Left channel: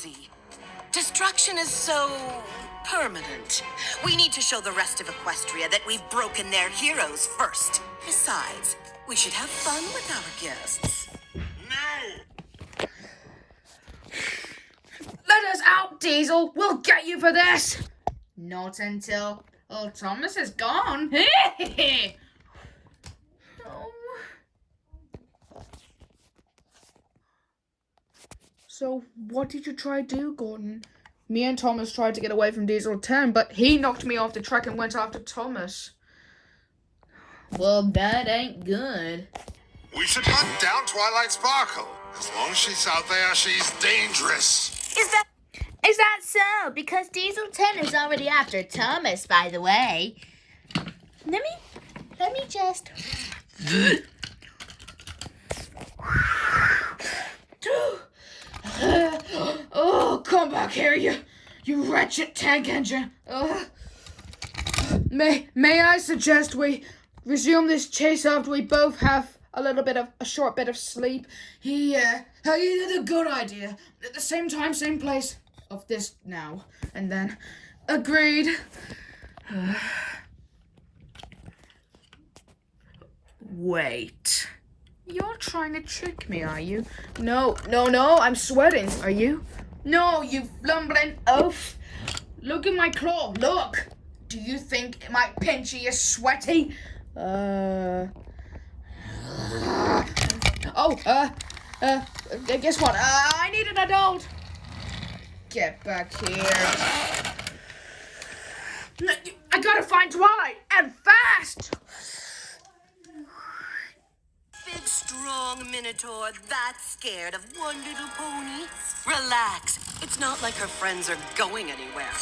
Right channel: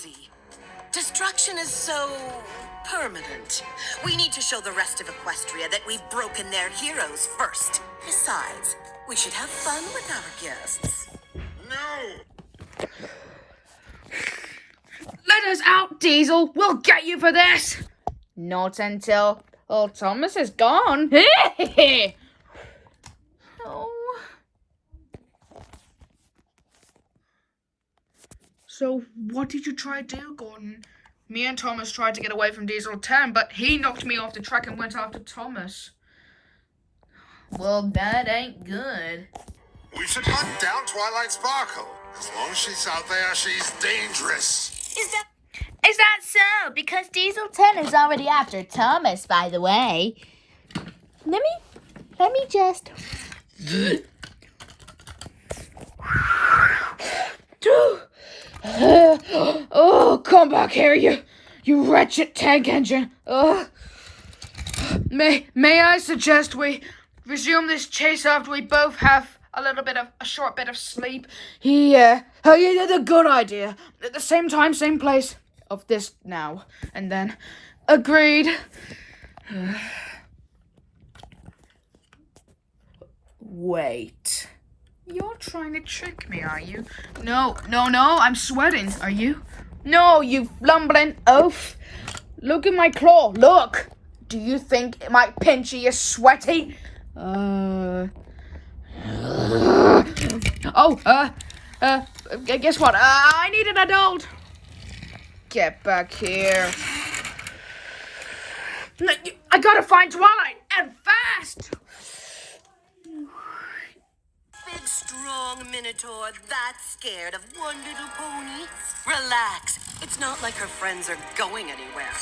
cozy. Destruction is so permanent. We need to show the rest of Equestria that we've broken their heroes first. Besides, we should have fun with our guests. No! Let us out, Diesel. We'll get you for this. Not until old Thomas is gone. Oh. So, what did you try to do, Gordon? Me and Thomas tried to get away from Diesel 10, but he knocked me off the track and went after Thomas. Well, that ain't good. We should hunt down Twilight Sparkle. As long as she's out there, she's dangerous. Is that so? Because Diesel 10 is already after Thomas, by the way. Let me just... Oh, come back here, you wretched tank engine. May I suggest we resume this chase after we both have a short bit of sleep? You did a good idea. At the same time, same place of this now. And then, agreed. Wait. You're trying to trick me, are you? No, I'm sweating. Are you? No, you lumbering oaf. Look at my claw, look. Do you think my pinchy is sweaty? Guess what? I need an adult. Get back here. I gotta find Twilight, and fast! Big, strong Minotaur that's scared of one little pony? Relax. It's not like her friends are going anywhere.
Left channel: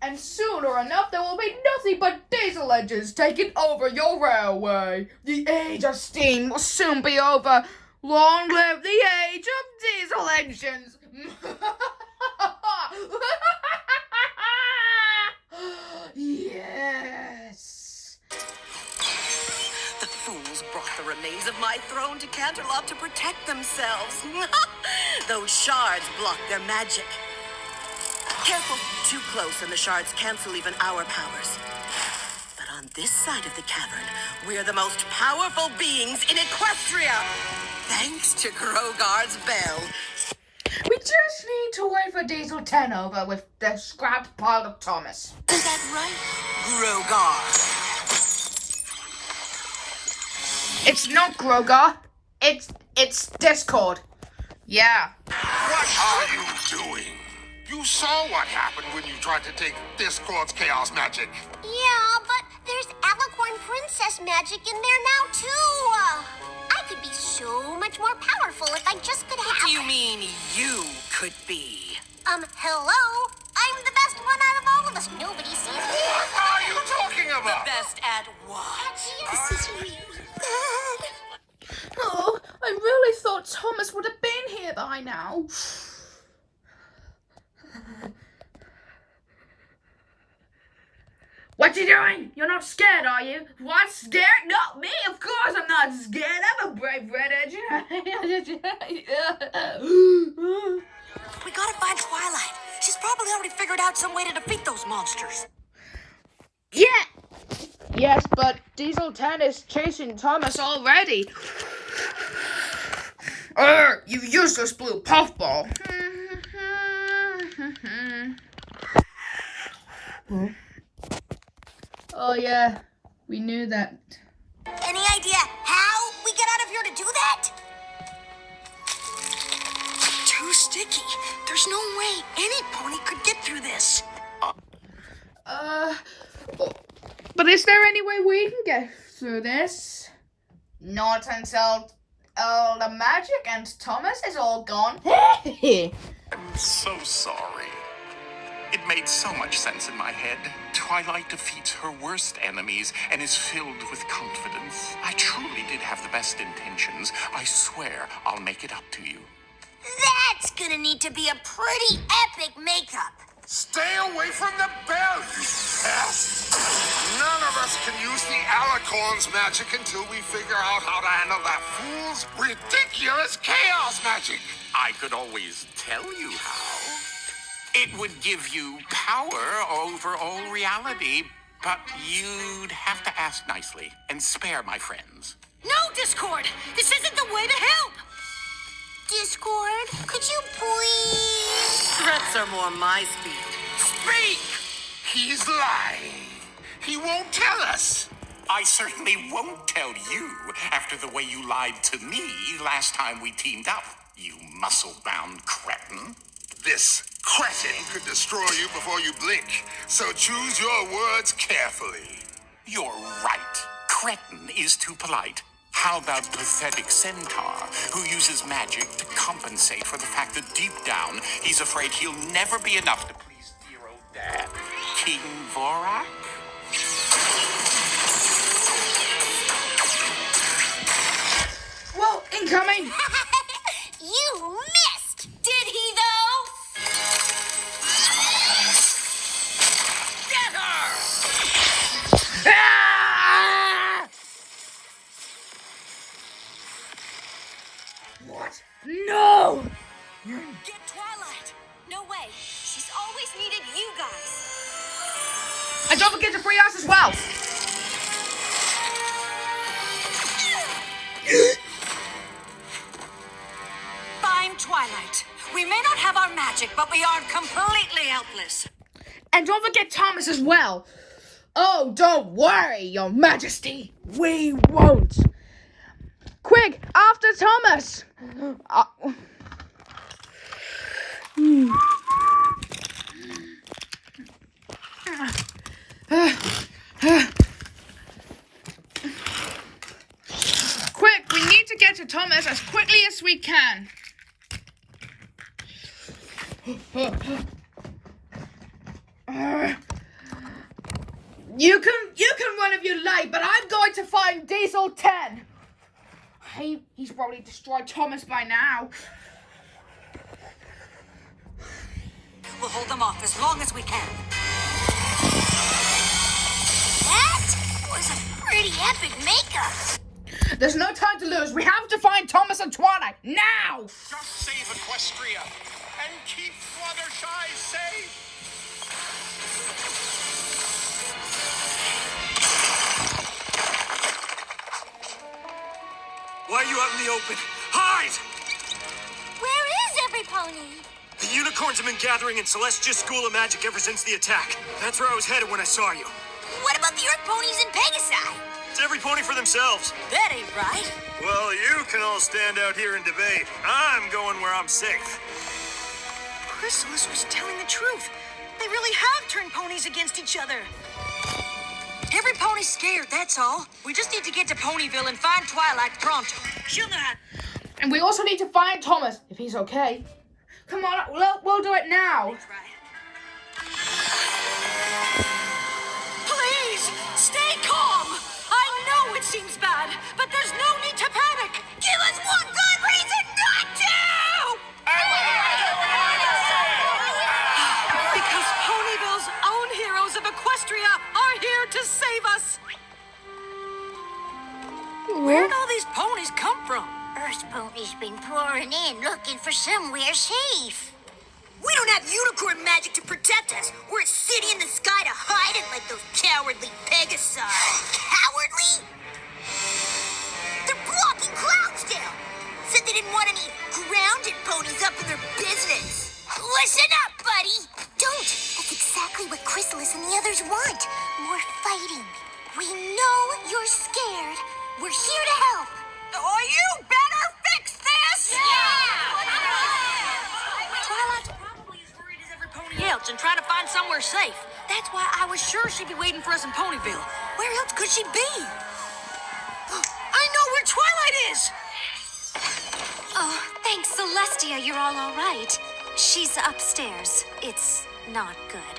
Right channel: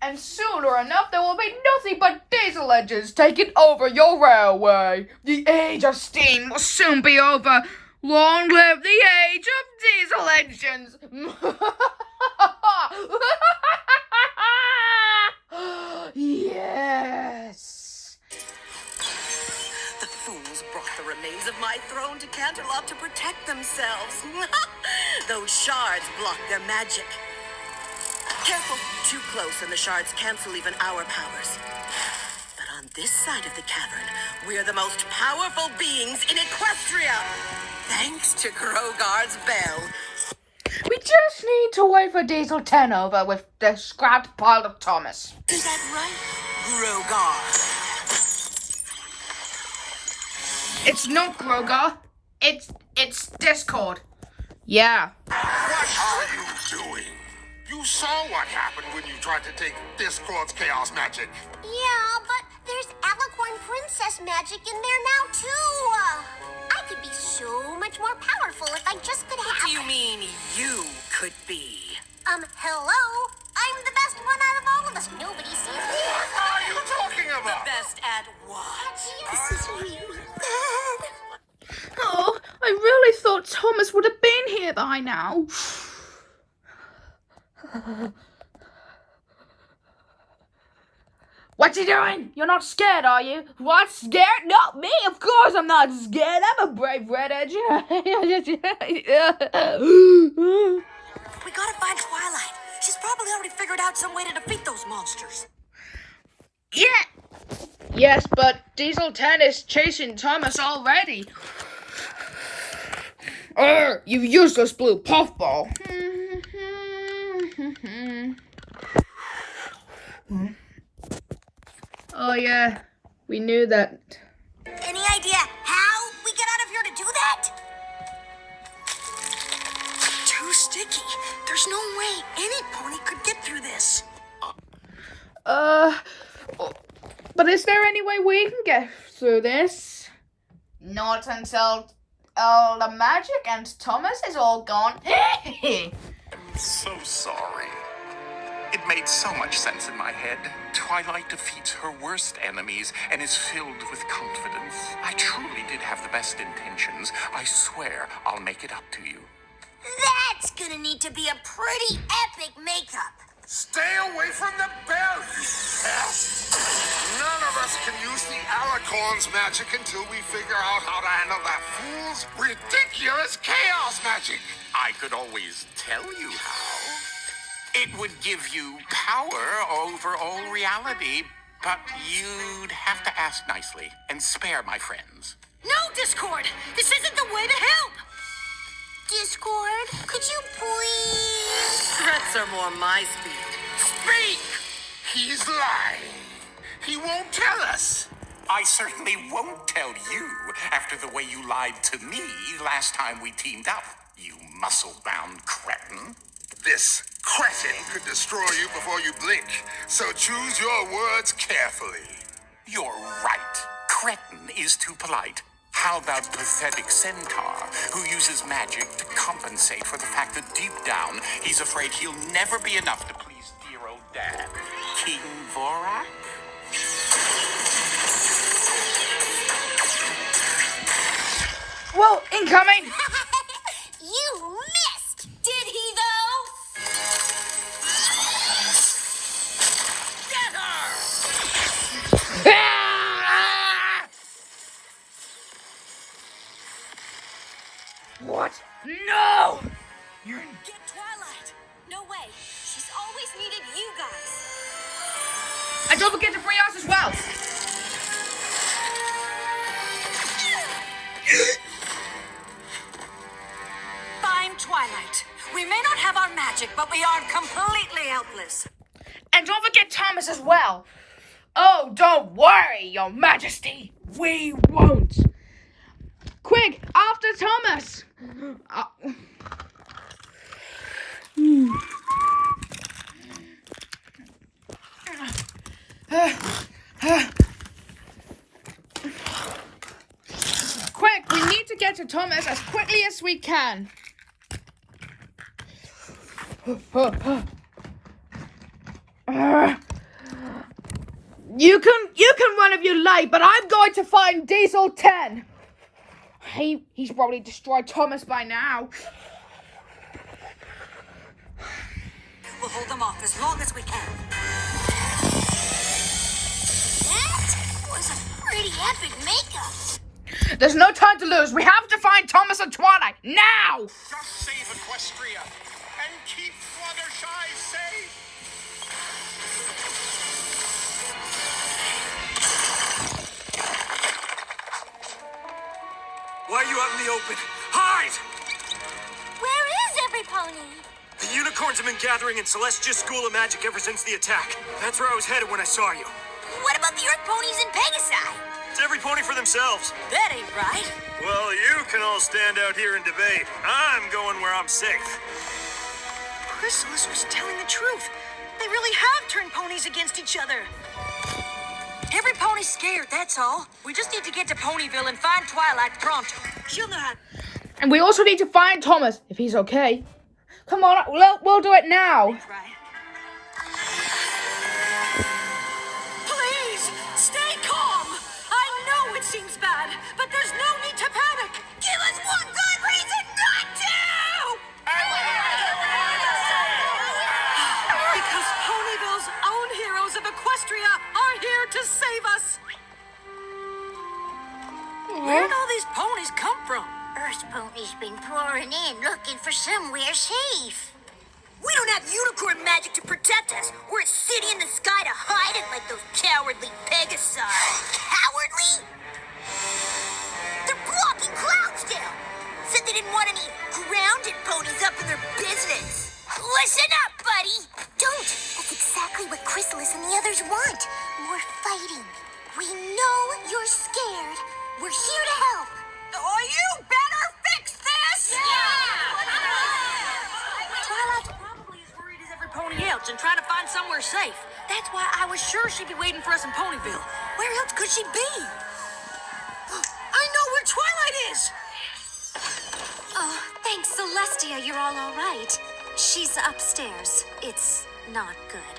And sooner enough, there will be nothing but diesel engines taking over your railway. The age of steam will soon be over. Long live the age of diesel engines. Yes. The fools brought the remains of my throne to Canterlot to protect themselves. Those shards block their magic. Careful, too close and the shards cancel even our powers. But on this side of the cavern, we're the most powerful beings in Equestria. Thanks to Grogar's bell. We just need to wait for Diesel 10 over with the scrapped pile of Thomas. Is that right, Grogar? It's not Grogar. It's Discord. Yeah. What are you doing? You saw what happened when you tried to take Discord's chaos magic. Yeah, but there's Alicorn Princess magic in there now, too. I could be so much more powerful if I just could have... What do you mean, you could be? Hello? I'm the best one out of all of us. Nobody sees me. What are you talking The about? best at what? This is really bad. Oh, I really thought Thomas would have been here by now. What you doing? You're not scared, are you? What? Scared? Not me. Of course I'm not scared. I'm a brave redhead. We gotta find Twilight. She's probably already figured out some way to defeat those monsters. Yeah. Yes, but Diesel 10 is chasing Thomas already. You useless blue puffball. Oh yeah, we knew that. Any idea how we get out of here to do that? Too sticky. There's no way any pony could get through this. But is there any way we can get through this? Not until all the magic and Thomas is all gone. I'm so sorry. It made so much sense in my head. Twilight defeats her worst enemies and is filled with confidence. I truly did have the best intentions. I swear I'll make it up to you. That's gonna need to be a pretty epic makeup. Stay away from the bell, you pest! None of us can use the Alicorn's magic until we figure out how to handle that fool's ridiculous chaos magic. I could always tell you how. It would give you power over all reality, but you'd have to ask nicely and spare my friends. No, Discord! This isn't the way to help! Discord, could you please? Threats are more my speed. Speak! He's lying. He won't tell us. I certainly won't tell you after the way you lied to me last time we teamed up, you muscle-bound cretin. This cretin could destroy you before you blink, so choose your words carefully. You're right. Cretin is too polite. How about pathetic centaur, who uses magic to compensate for the fact that deep down he's afraid he'll never be enough to please dear old dad, King Vorak? Well, incoming! You missed! Did he, though? Get her! Ah! What? No! Get Twilight! No way. She's always needed you guys. And don't forget to free us as well! Find Twilight. We may not have our magic, but we aren't completely helpless. And don't forget Thomas as well! Oh, don't worry, your majesty! We won't! Quick, after Thomas! Quick, we need to get to Thomas as quickly as we can. You can run if you like, but I'm going to find Diesel 10. He's probably destroyed Thomas by now. We'll hold them off as long as we can. That was a pretty epic makeup. There's no time to lose. We have to find Thomas and Twilight now. Just save Equestria and keep Fluttershy safe. Why are you out in the open? Hide! Where is every pony? The unicorns have been gathering in Celestia's School of Magic ever since the attack. That's where I was headed when I saw you. What about the Earth ponies in Pegasi? It's every pony for themselves. That ain't right. Well, you can all stand out here and debate. I'm going where I'm safe. Chrysalis was telling the truth. They really have turned ponies against each other. Every pony's scared, that's all. We just need to get to Ponyville and find Twilight pronto. She'll know how. And we also need to find Thomas, if he's okay. Come on, we'll do it now. Please, stay calm. I know it seems bad, but there's no need to panic. Give us one good reason not to! Because Ponyville's own heroes of Equestria are here to save us. Where'd all these ponies come from? Earth ponies been pouring in looking for somewhere safe. We don't have unicorn magic to protect us. We're a city in the sky to hide it like those cowardly Pegasi. Cowardly? They're blocking Cloudsdale. Said they didn't want any grounded ponies up in their business. Listen up, buddy. Don't. That's exactly what Chrysalis and the others want. More fighting. We know you're scared. We're here to help. Oh, you better fix this! Twilight's probably as worried as every pony else and trying to find somewhere safe. That's why I was sure she'd be waiting for us in Ponyville. Where else could she be? I know where Twilight is! Oh, thanks, Celestia. You're all right. She's upstairs. It's not good.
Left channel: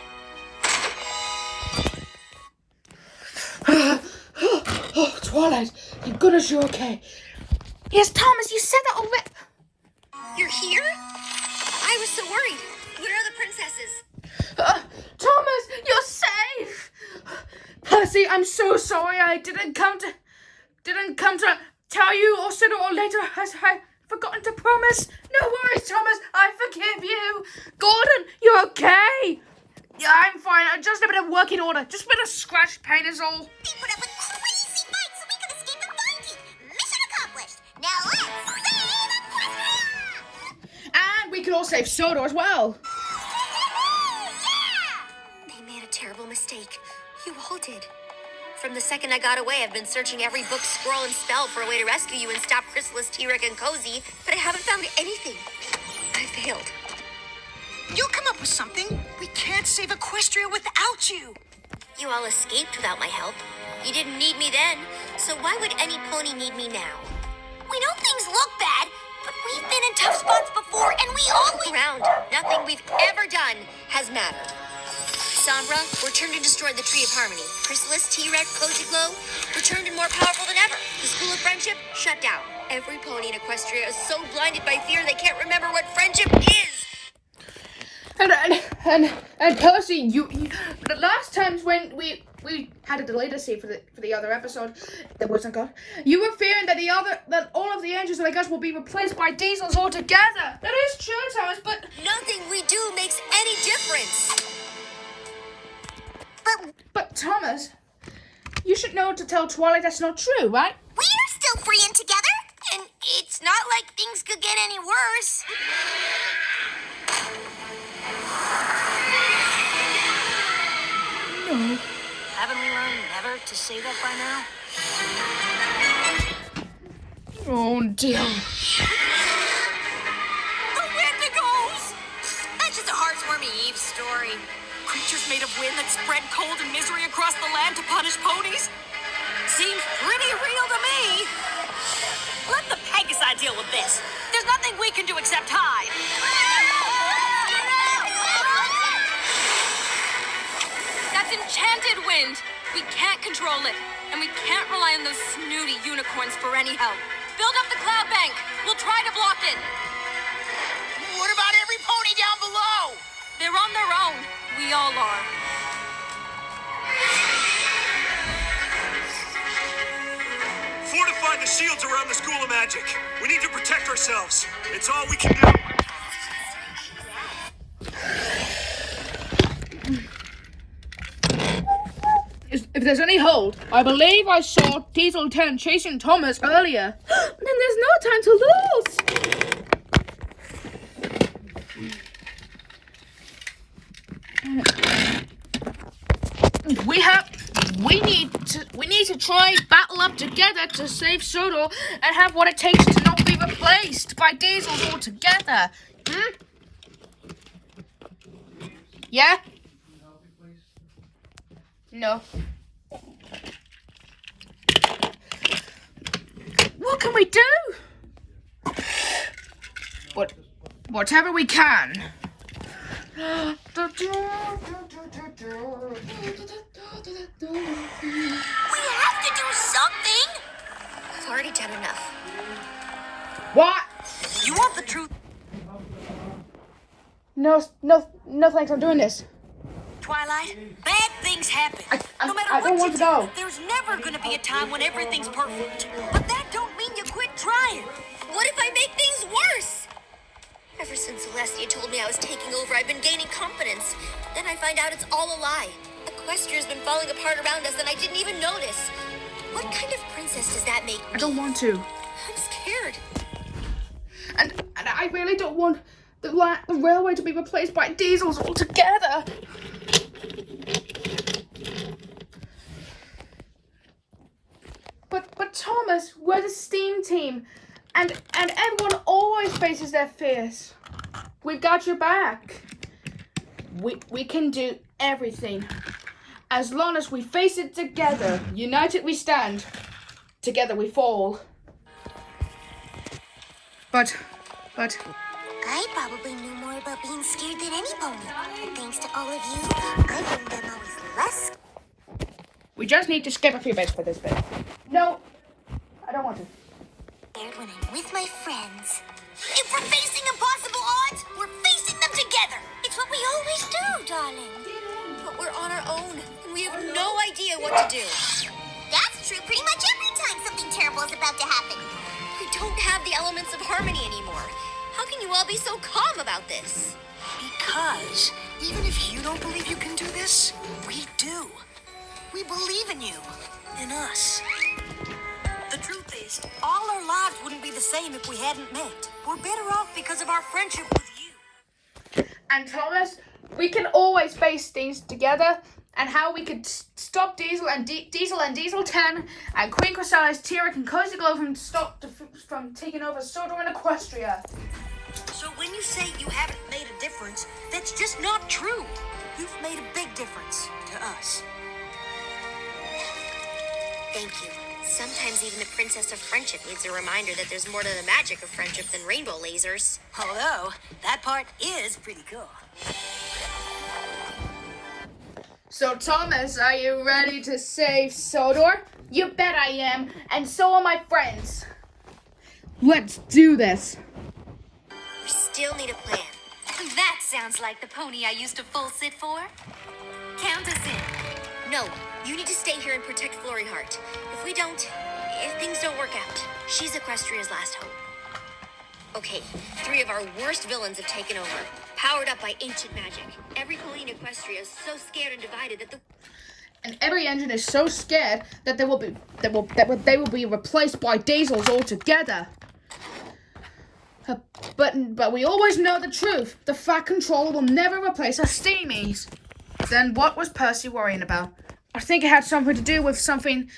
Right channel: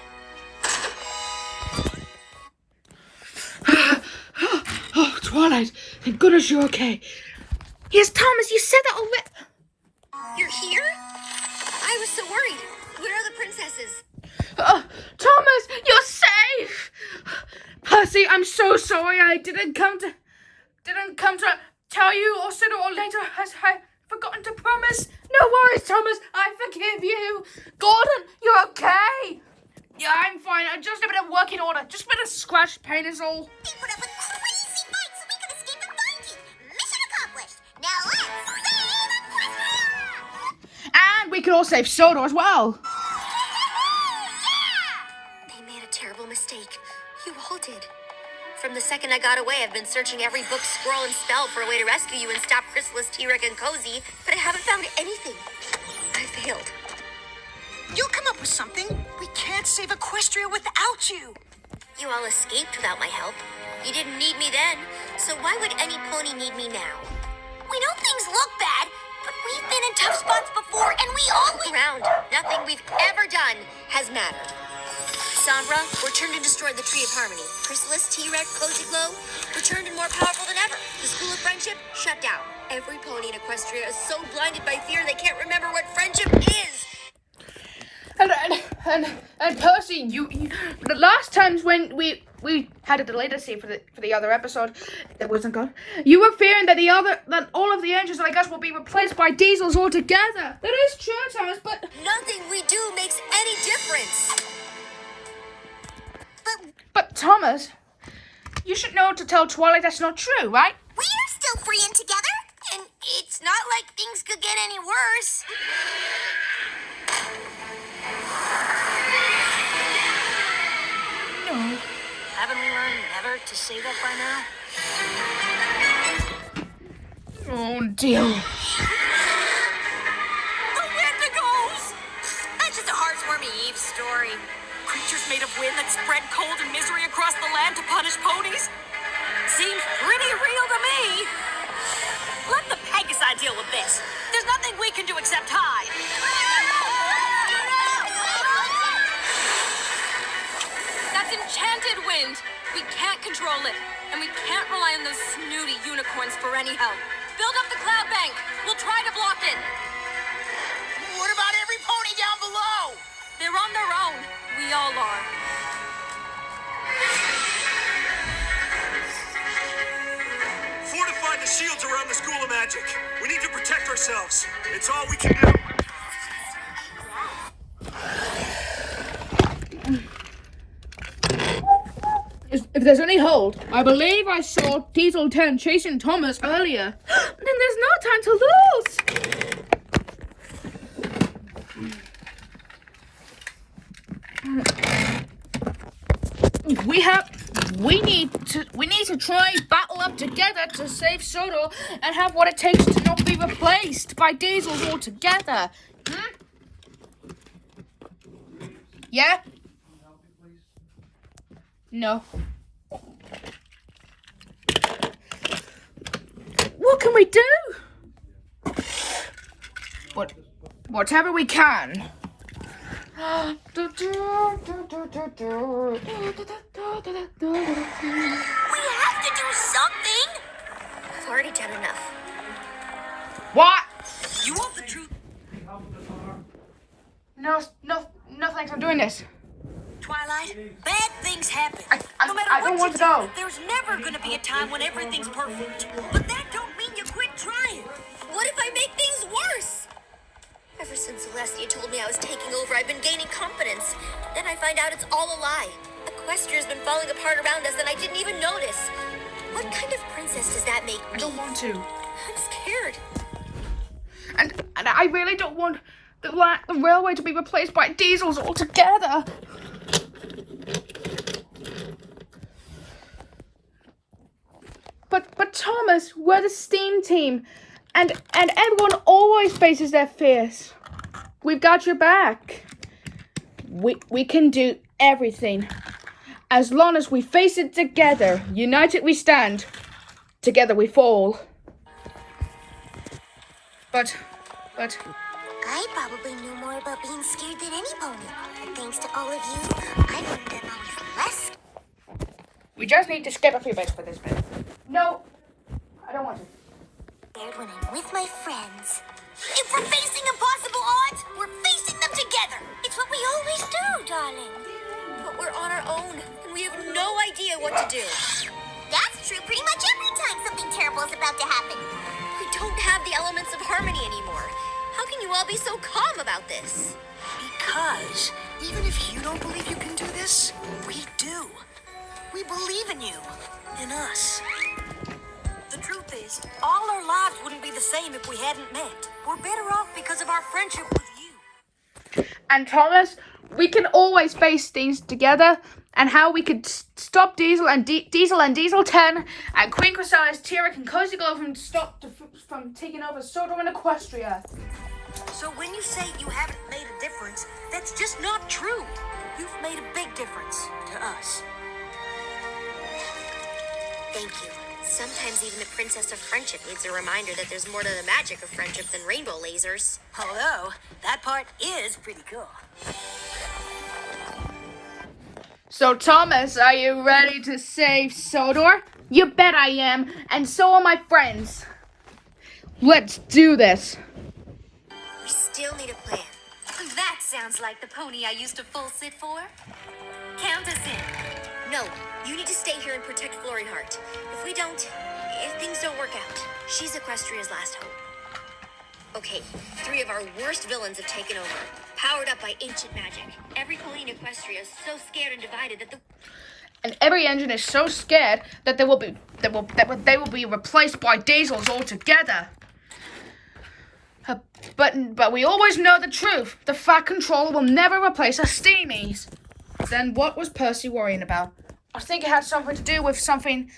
Oh, Twilight, thank goodness you're okay. Yes, Thomas, you said that already. You're here? I was so worried. Where are the princesses? Thomas, you're safe. Percy, I'm so sorry I didn't come to tell you or sooner or later forgotten to promise. No worries, Thomas. I forgive you. Gordon, you're okay. Yeah, I'm fine. Just a bit of working order. Just a bit of scratch paint is all. He put up a crazy fight so we could escape and find you. Mission accomplished. Now let's save Equestria! And we could all save Soda as well. They made a terrible mistake. You all did. From the second I got away, I've been searching every book, scroll, and spell for a way to rescue you and stop Chrysalis, T-Rex, and Cozy, but I haven't found anything. I failed. You'll come up with something. We can't save Equestria without you. You all escaped without my help. You didn't need me then, so why would any pony need me now? We know things look bad, but we've been in tough spots before, and we always... Around. Nothing we've ever done has mattered. Sombra returned and destroyed the Tree of Harmony. Chrysalis, T-Rex, Cozy Glow returned and more powerful than ever. The School of Friendship shut down. Every pony in Equestria is so blinded by fear they can't remember what friendship is. And Percy, you the last times when we had a delay to see for the other episode that wasn't gone, you were fearing that all of the angels like us will be replaced by diesels altogether. That is true, Thomas, but Nothing we do makes any difference. but Thomas, you should know to tell Twilight that's not true, right? We're still free and together, and it's not like things could get any worse. No. Haven't we learned never to say that by now? Oh dear. The Wendigos! That's just a heartwarming Eve story. Creatures made of wind that spread cold and misery across the land to punish ponies? Seems pretty real to me. Let the Pegasi deal with this. There's nothing we can do except hide. That's enchanted wind. We can't control it, and we can't rely on those snooty unicorns for any help. Build up the cloud bank. We'll try to block it. What about every pony down below? They're on their own. We all are. Fortify the shields around the School of Magic. We need to protect ourselves. It's all we can do. If there's any hold, I believe I saw Diesel 10 chasing Thomas earlier. Then there's no time to lose. We need to try battle up together to save Soto and have what it takes to not be replaced by diesels altogether. Yeah? No. What can we do? Whatever we can. We have to do something! I've already done enough. What? You want the truth? No, thanks. I'm doing this. Twilight, bad things happen. I No matter don't what want you to go. do, there's never gonna be a time when everything's perfect. But that don't mean you quit trying. What if I make things worse? Ever since Celestia told me I was taking over, I've been gaining confidence. Then I find out it's all a lie. Equestria's been falling apart around us and I didn't even notice. What kind of princess does that make me? I don't want to. I'm scared. And I really don't want the railway to be replaced by diesels altogether. But Thomas, we're the STEAM team, and everyone always faces their fears. We've got your back. We can do everything, as long as we face it together. United we stand, together we fall. But. I probably knew more about being scared than any pony. But thanks to all of you, I learned that I was less We just need to skip a few bits for this bit. No, I don't want to. scared when I'm with my friends. If we're facing impossible odds, we're facing them together. It's what we always do, darling. But we're on our own, and we have no idea what to do. That's true pretty much every time something terrible is about to happen. We don't have the elements of harmony anymore. How can you all be so calm about this? Because even if you don't believe you can do this, we do. We believe in you, in us. The truth is, all our lives wouldn't be the same if we hadn't met. We're better off because of our friendship with you. And Thomas, we can always face things together, and how we could stop Diesel and Diesel 10 and Queen Chrysalis, T-Rex and Cozy Glow from taking over Sodor and Equestria. So when you say you haven't made a difference, that's just not true. You've made a big difference to us. Thank you. Sometimes even the Princess of Friendship needs a reminder that there's more to the magic of friendship than rainbow lasers. Although, that part is pretty cool. So Thomas, are you ready to save Sodor? You bet I am, and so are my friends. Let's do this. We still need a plan. That sounds like the pony I used to full sit for. Count us in. No, you need to stay here and protect Flurry Heart. If things don't work out, she's Equestria's last hope. Okay, 3 of our worst villains have taken over, powered up by ancient magic. Every pony in Equestria is so scared and divided that And every engine is so scared that they will be replaced by Diesels altogether. But we always know the truth. The Fat Controller will never replace our Steamies. Then what was Percy worrying about? I think it had something to do with something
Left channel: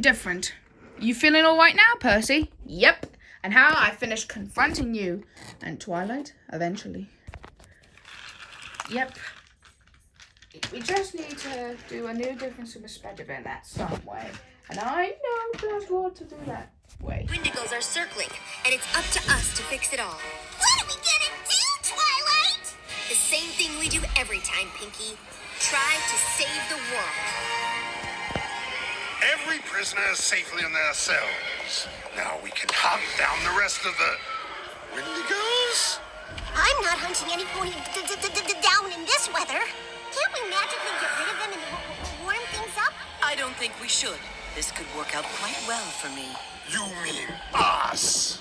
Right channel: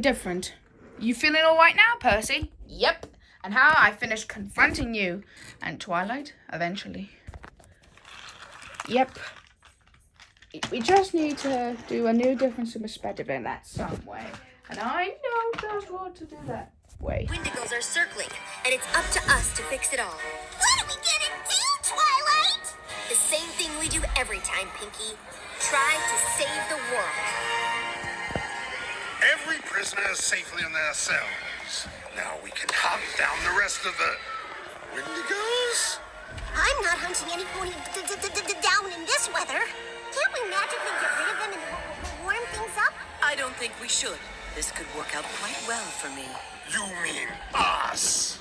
different. You feeling all right now, Percy? Yep. And how I finished confronting you and Twilight eventually. Yep. We just need to do a new difference of perspective in that some way. And I know just what to do that way. Wendigos are circling, and it's up to us to fix it all. What are we gonna do, Twilight? The same thing we do every time, Pinky. Try to save the world. Every prisoner is safely in their cells. Now we can hunt down the rest of the Wendigos? I'm not hunting any pony down in this weather. Can't we magically get rid of them and warm things up? I don't think we should. This could work out quite well for me. You mean us?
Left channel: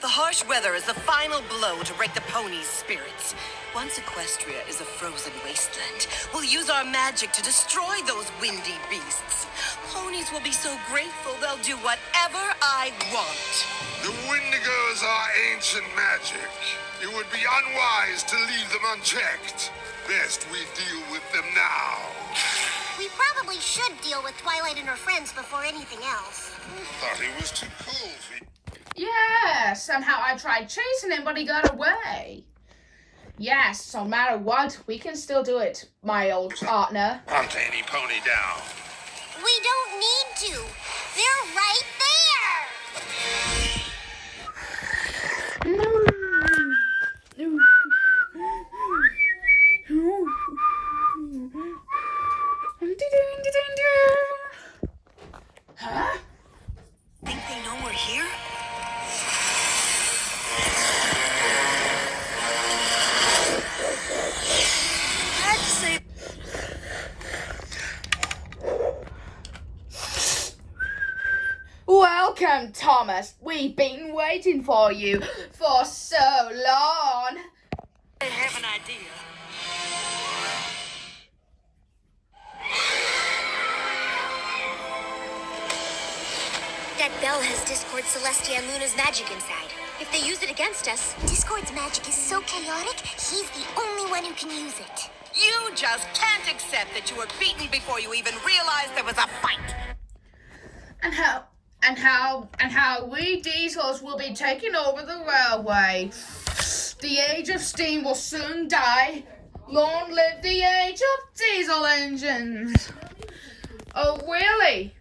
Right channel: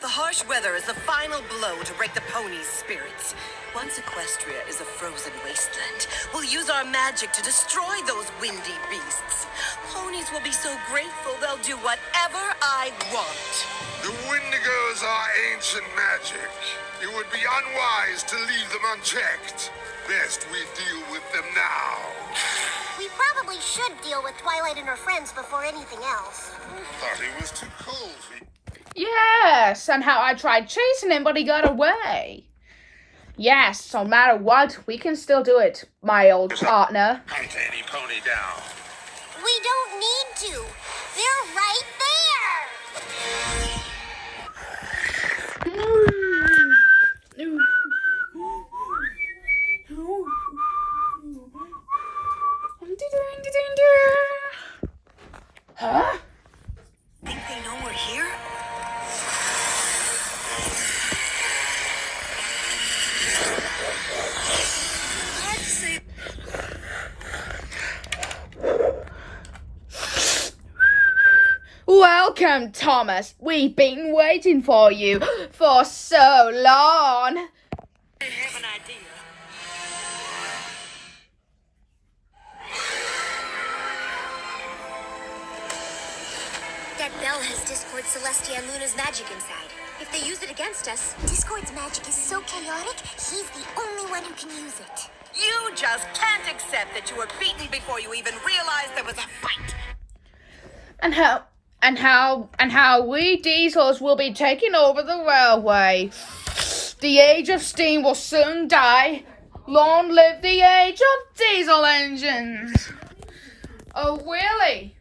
The harsh weather is the final blow to break the ponies' spirits. Once Equestria is a frozen wasteland, we'll use our magic to destroy those windy beasts. Ponies will be so grateful they'll do whatever I want. The Wendigos are ancient magic. It would be unwise to leave them unchecked. Best we deal with them now. We probably should deal with Twilight and her friends before anything else. Thought he was too cool for you. Yes, and how I tried chasing him, but he got away. Yes, no matter what, we can still do it, my old partner. Hunt any pony down. We don't need to. They're right there. Huh? Think they know we're here? I'd say... Welcome, Thomas. We've been waiting for you for so long. I have an idea. That bell has Discord, Celestia, and Luna's magic inside. If they use it against us... Discord's magic is so chaotic, he's the only one who can use it. You just can't accept that you were beaten before you even realized there was a fight. And how we Diesels will be taking over the railway. The age of steam will soon die. Long live the age of diesel engines. Oh, really?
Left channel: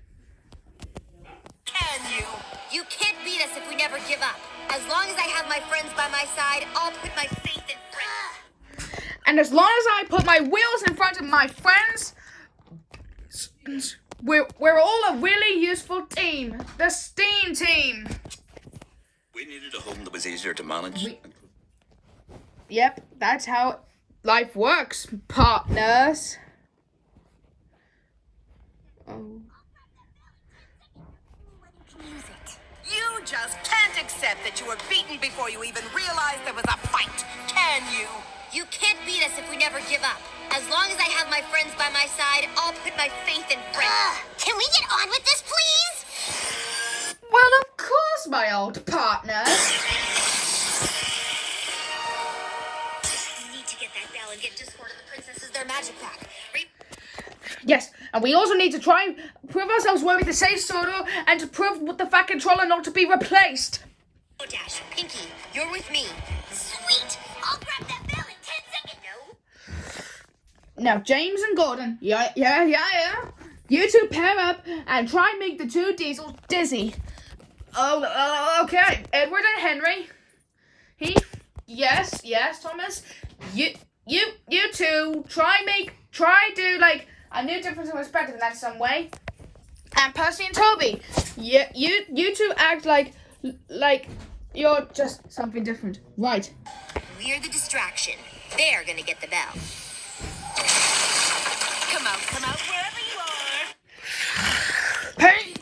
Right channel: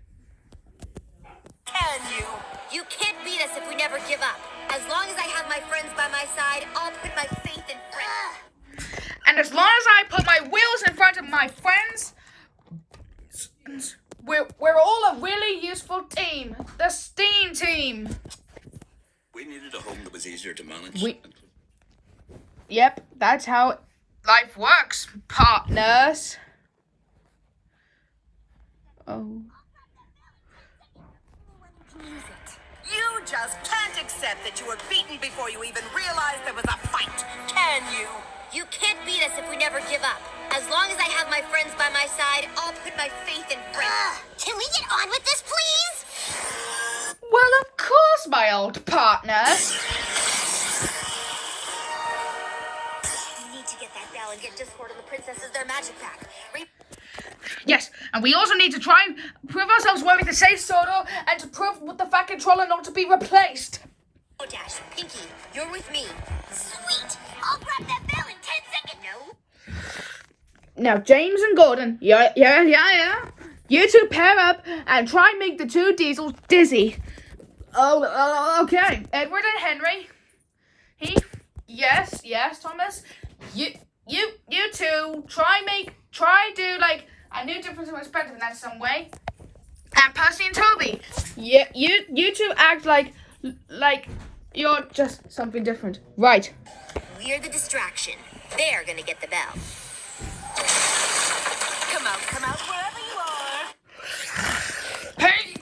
Can you? You can't beat us if we never give up. As long as I have my friends by my side, I'll put my faith in friends. And as long as I put my wheels in front of my friends, we're all a really useful team. The Steam Team. We needed a home that was easier to manage. Yep, that's how life works, partners. Oh. You just can't accept that you were beaten before you even realized there was a fight, can you? You can't beat us if we never give up. As long as I have my friends by my side, I'll put my faith in friends. Can we get on with this, please? Well, of course, my old partner. We need to get that bell and get Discord and the princesses their magic back. Yes, and we also need to try and prove ourselves worthy to say Soto and to prove the Fat Controller not to be replaced. Oh, Dash, Pinky, you're with me. Sweet! I'll grab that bell in 10 seconds. No? Now, James and Gordon, yeah. You two pair up and try and make the two Diesels dizzy. Oh, okay. Edward and Henry. Yes, Thomas. You two try do like a new difference of perspective in that some way. And Percy and Toby, you two act like you're just something different, right? We're the distraction. They're gonna get the bell. Come out, wherever you are. Hey,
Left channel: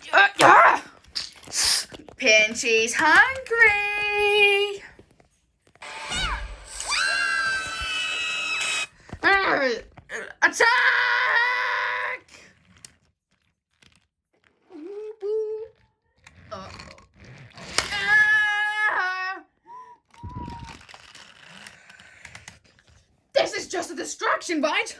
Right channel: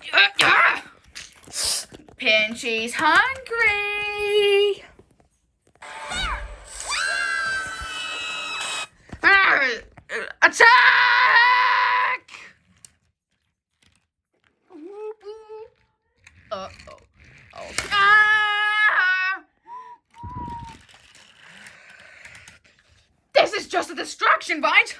Pinchy's hungry. Attack! This is just a distraction, right?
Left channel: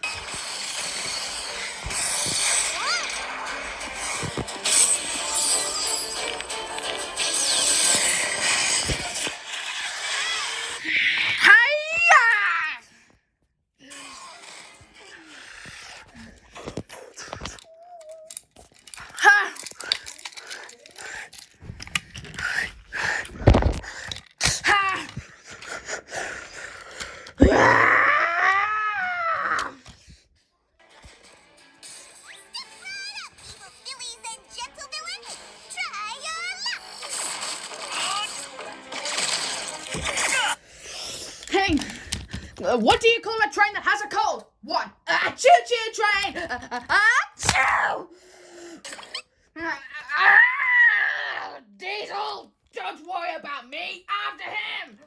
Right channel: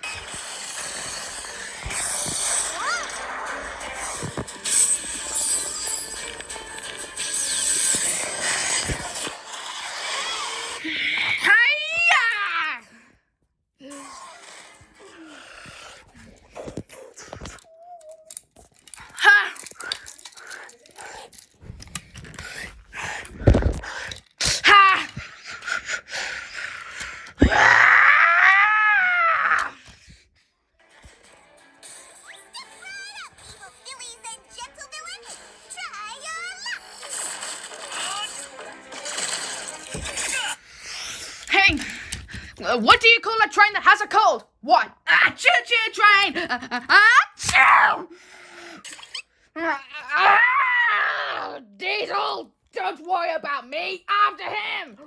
What do you call a train that has a cold? What? A choo-choo train! Diesel! Don't worry about me! After him!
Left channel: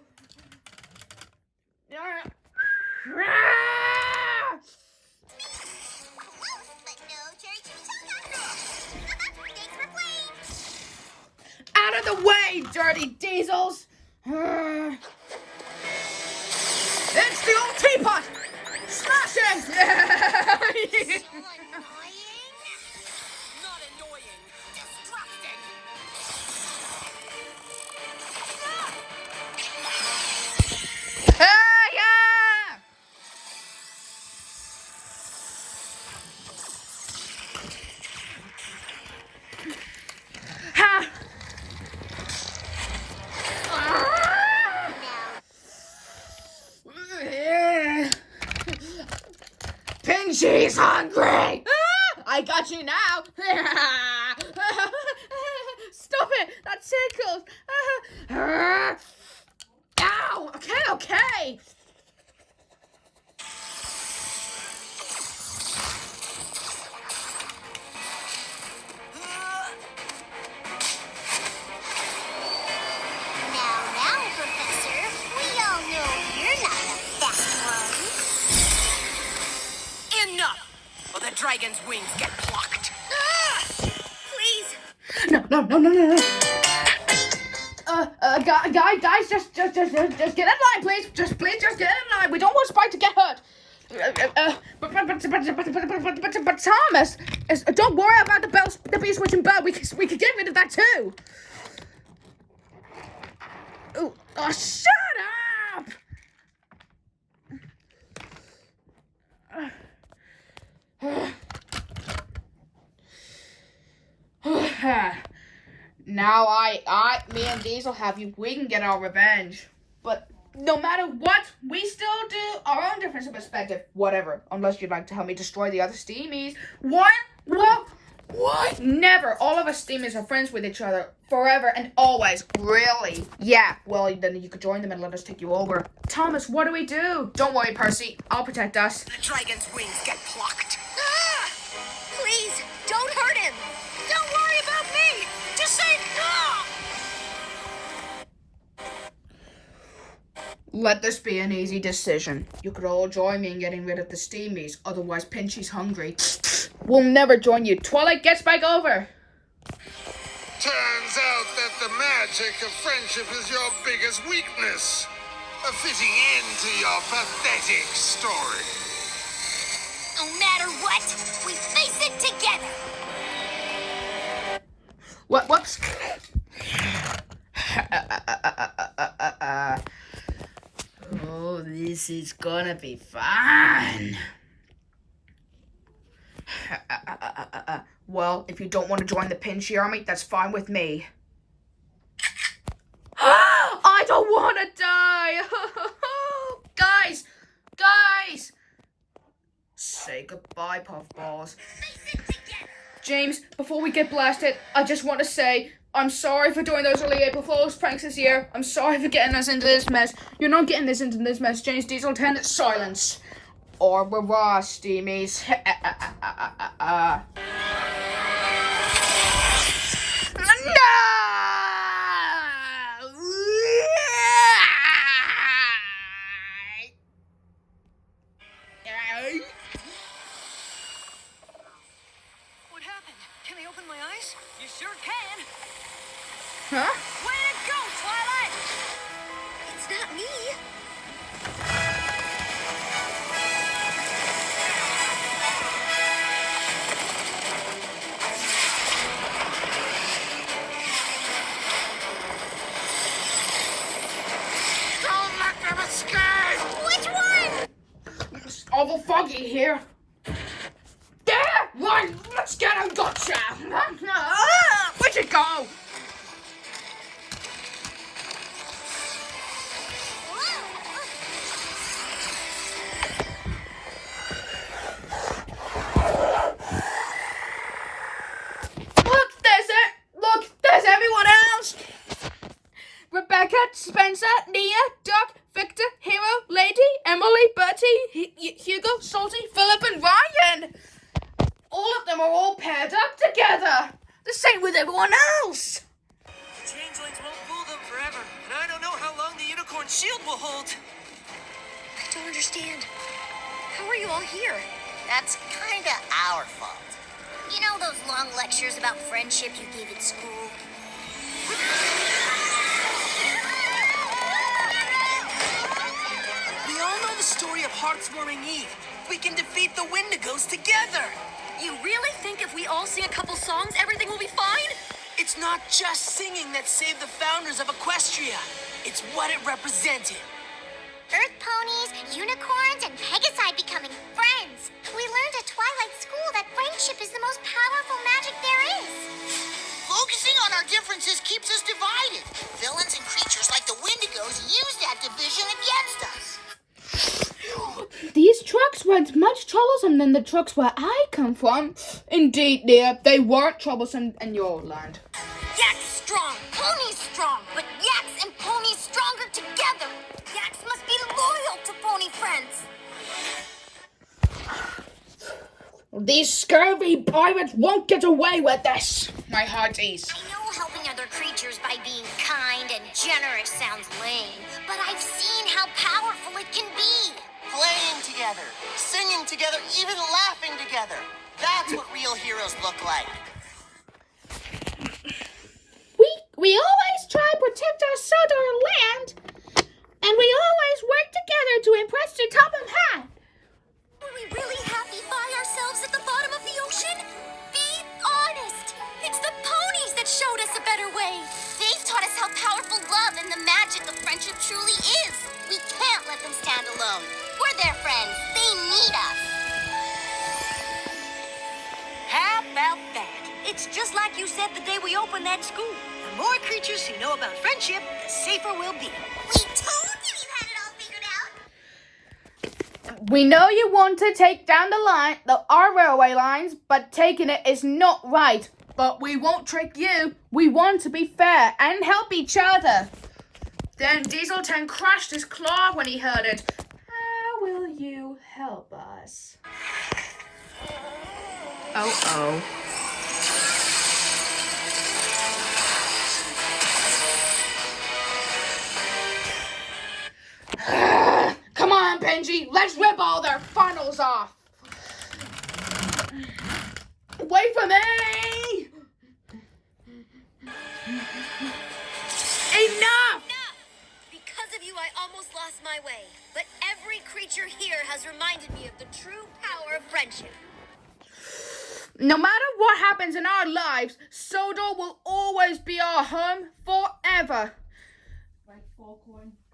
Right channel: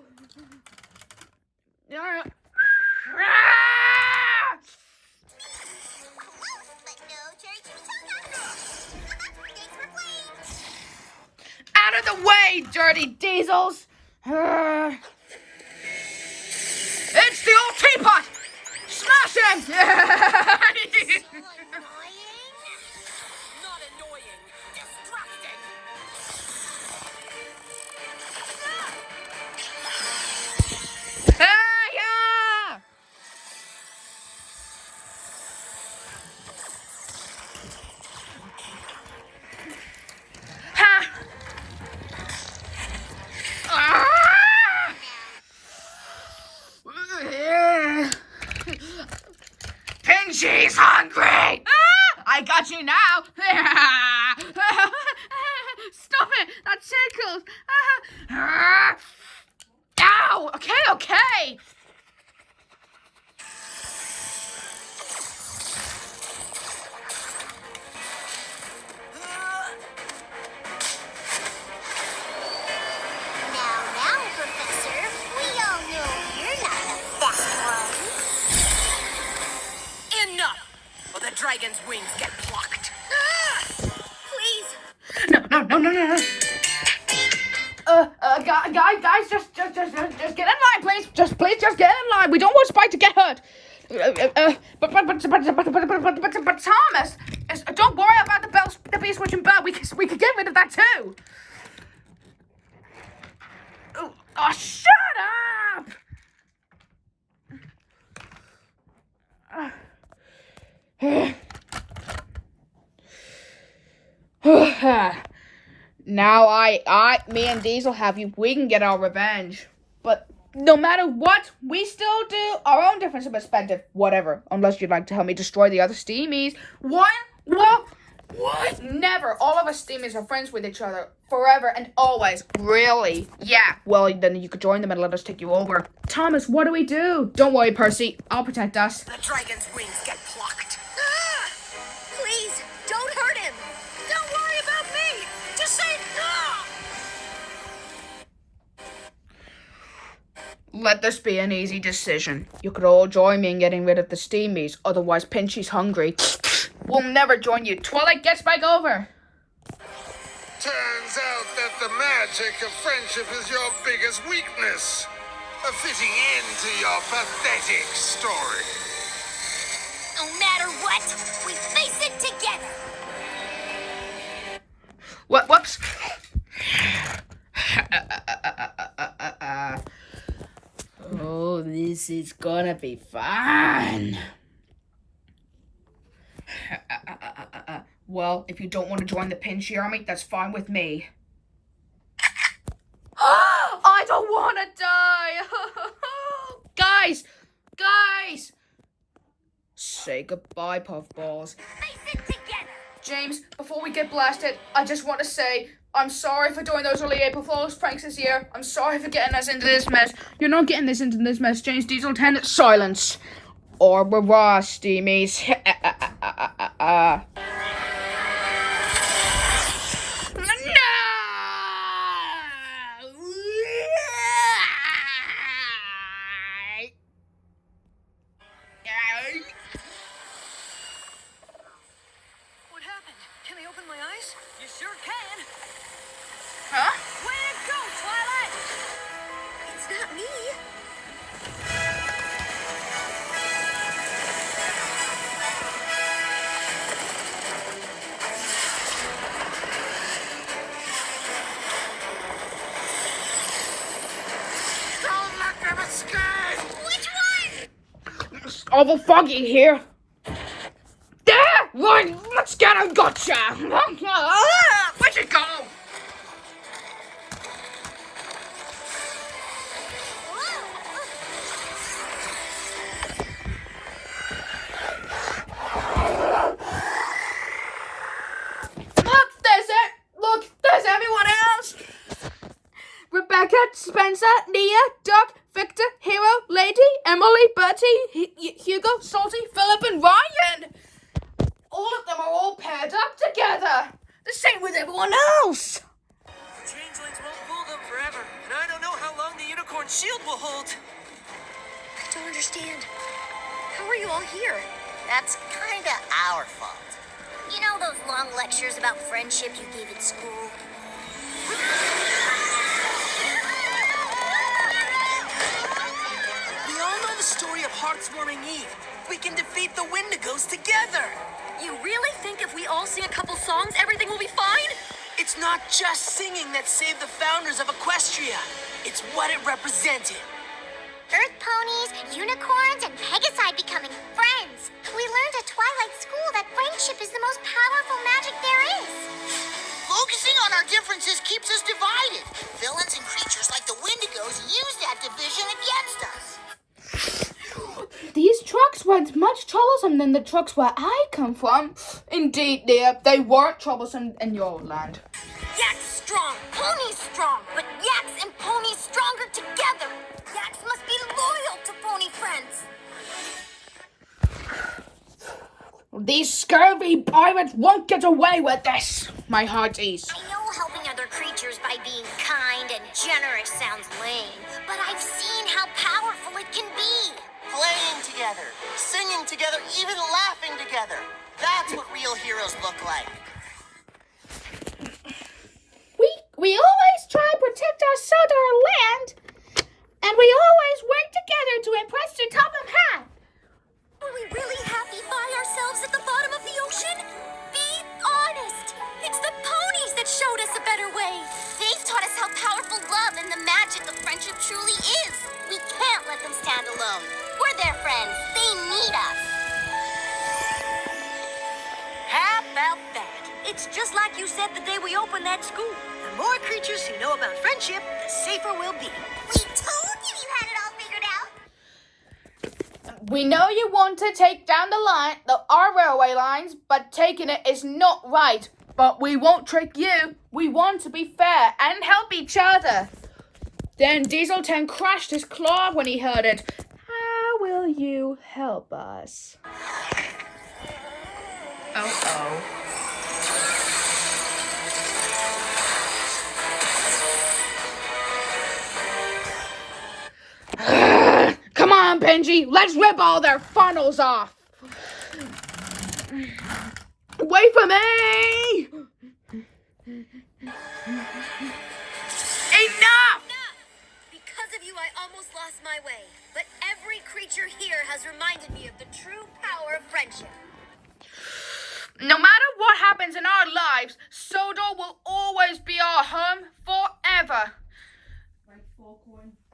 Out of the way, dirty Diesels! It's the old teapot! Smash him! Not annoying, distracting. Pinchy's hungry! I got you now! Stop it! That tickles! Ow! Okay! Now, Professor, we all know you're not the fast one. Enough! Or the dragon's wings get plucked. Please. No. Guys, just get in line, please. Please get in line. We don't want Spike to get hurt. But Thomas, don't worry about the beast switching bell. We could get rid of that too. Oh, shut up. Now me and Diesel have you. We can get our revenge. But no matter what, we still do our own difference of perspective. Whatever. Unless you'd like to help me destroy the other Steamies. What? Never. All of us Steamies are friends with each other. Forever and always. Really? Yeah. Well, then you could join them and let us take you over. Thomas, what do we do? Don't worry, Percy. I'll protect us. The dragon's wings get plucked. Please, don't hurt him. Don't worry about me. Just say no. let this be an easy decision. You could all join me in getting rid of the steamies, otherwise Pinchy's hungry. We'll never join you. Twilight gets back over. Turns out that the magic of friendship is your biggest weakness. A fitting end to your pathetic story. No matter what, we face it together. Whoops. Oh, this is gonna be fun. Well, if you don't want to join the Pinchy army, that's fine with me. I don't want to die. Guys. Say goodbye, Puffballs. Face it together. James, before we get blasted, I just want to say I'm sorry for doing those early April Fool's pranks this year. I'm sorry for getting us into this mess. You're not getting this into this mess, James Diesel 10. Silence. Or rah, steamies. What happened? Can I open my eyes? You sure can. Huh? Way to go, Twilight! It's not me. Don't let them escape! Which one? It's awful foggy here. There! Run! Let's get him! Gotcha! Where'd you go? Look, there's everyone else. Rebecca, Spencer, Nia, Doc, Victor, Hero, Lady, Emily, Bertie, Hugo, Salty, Philip, and Ryan. All of them are all paired up together. The same with everyone else. Changelings won't fool them forever, and I don't know how long the unicorn shield will hold. I don't understand. How are you all here? That's kinda our fault. You know those long lectures about friendship you gave at school? We all know the story of Heartswarming Eve. We can defeat the Wendigos together. You really think if we all sing a couple songs, everything will be fine? It's not just singing that saved the founders of Equestria. It's what it represented. Earth ponies, unicorns, and Pegasi becoming friends. We learned at Twilight School that friendship is the most powerful magic there is. Focusing on our differences keeps us divided. Villains and creatures like the Wendigos use that division against us. These trucks weren't much troublesome than the trucks where I come from. Indeed, dear, they weren't troublesome in your land. Yaks strong, ponies strong, but yaks and ponies stronger together. Yaks must be loyal to pony friends. These scurvy pirates won't get away with this, my hearties. I know helping other creatures by being kind and generous sounds lame, but I've seen how powerful it can be. Playing together, singing together, even laughing together. That's what real heroes look like. We always try to protect our land, and we always work together to impress the top of hat. Were we really happy by ourselves at the bottom of the ocean? Be honest. It's the ponies that showed us a better way. They've taught us how powerful love and the magic of friendship truly is. We can't let them stand alone. We're their friends. They need us. How about that? It's just like you said the day we opened that school. The more creatures who know about friendship, the safer we'll be. We told you had it all figured out. We know you want to take down our railway lines, but taking it is not right. But we won't trick you. We want to be fair and help each other. Then Diesel 10 crashed his claw when he heard it. How will you help us? Oh. Let's rip all their funnels off. Wait for me! Enough! Because of you, I almost lost my way. But every creature here has reminded me of the true power of friendship. No matter what happens in our lives, Sodor will always be our home forever.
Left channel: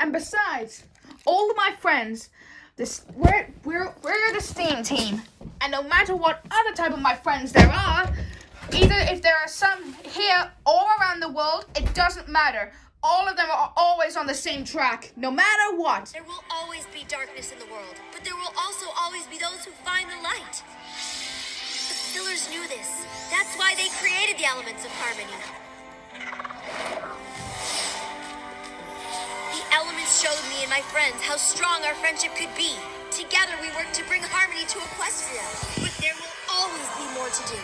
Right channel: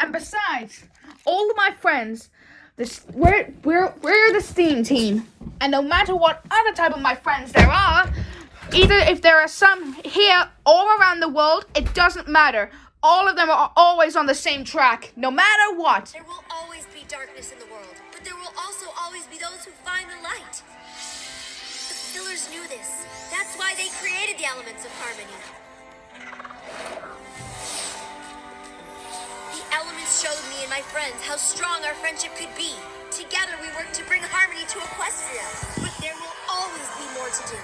And besides, all of my friends, we're the STEAM team. And no matter what other type of my friends there are, either if there are some here or around the world, it doesn't matter. All of them are always on the same track, no matter what. There will always be darkness in the world, but there will also always be those who find the light. The Fillers knew this. That's why they created the elements of harmony. The elements showed me and my friends how strong our friendship could be. Together we worked to bring harmony to Equestria, but there will always be more to do.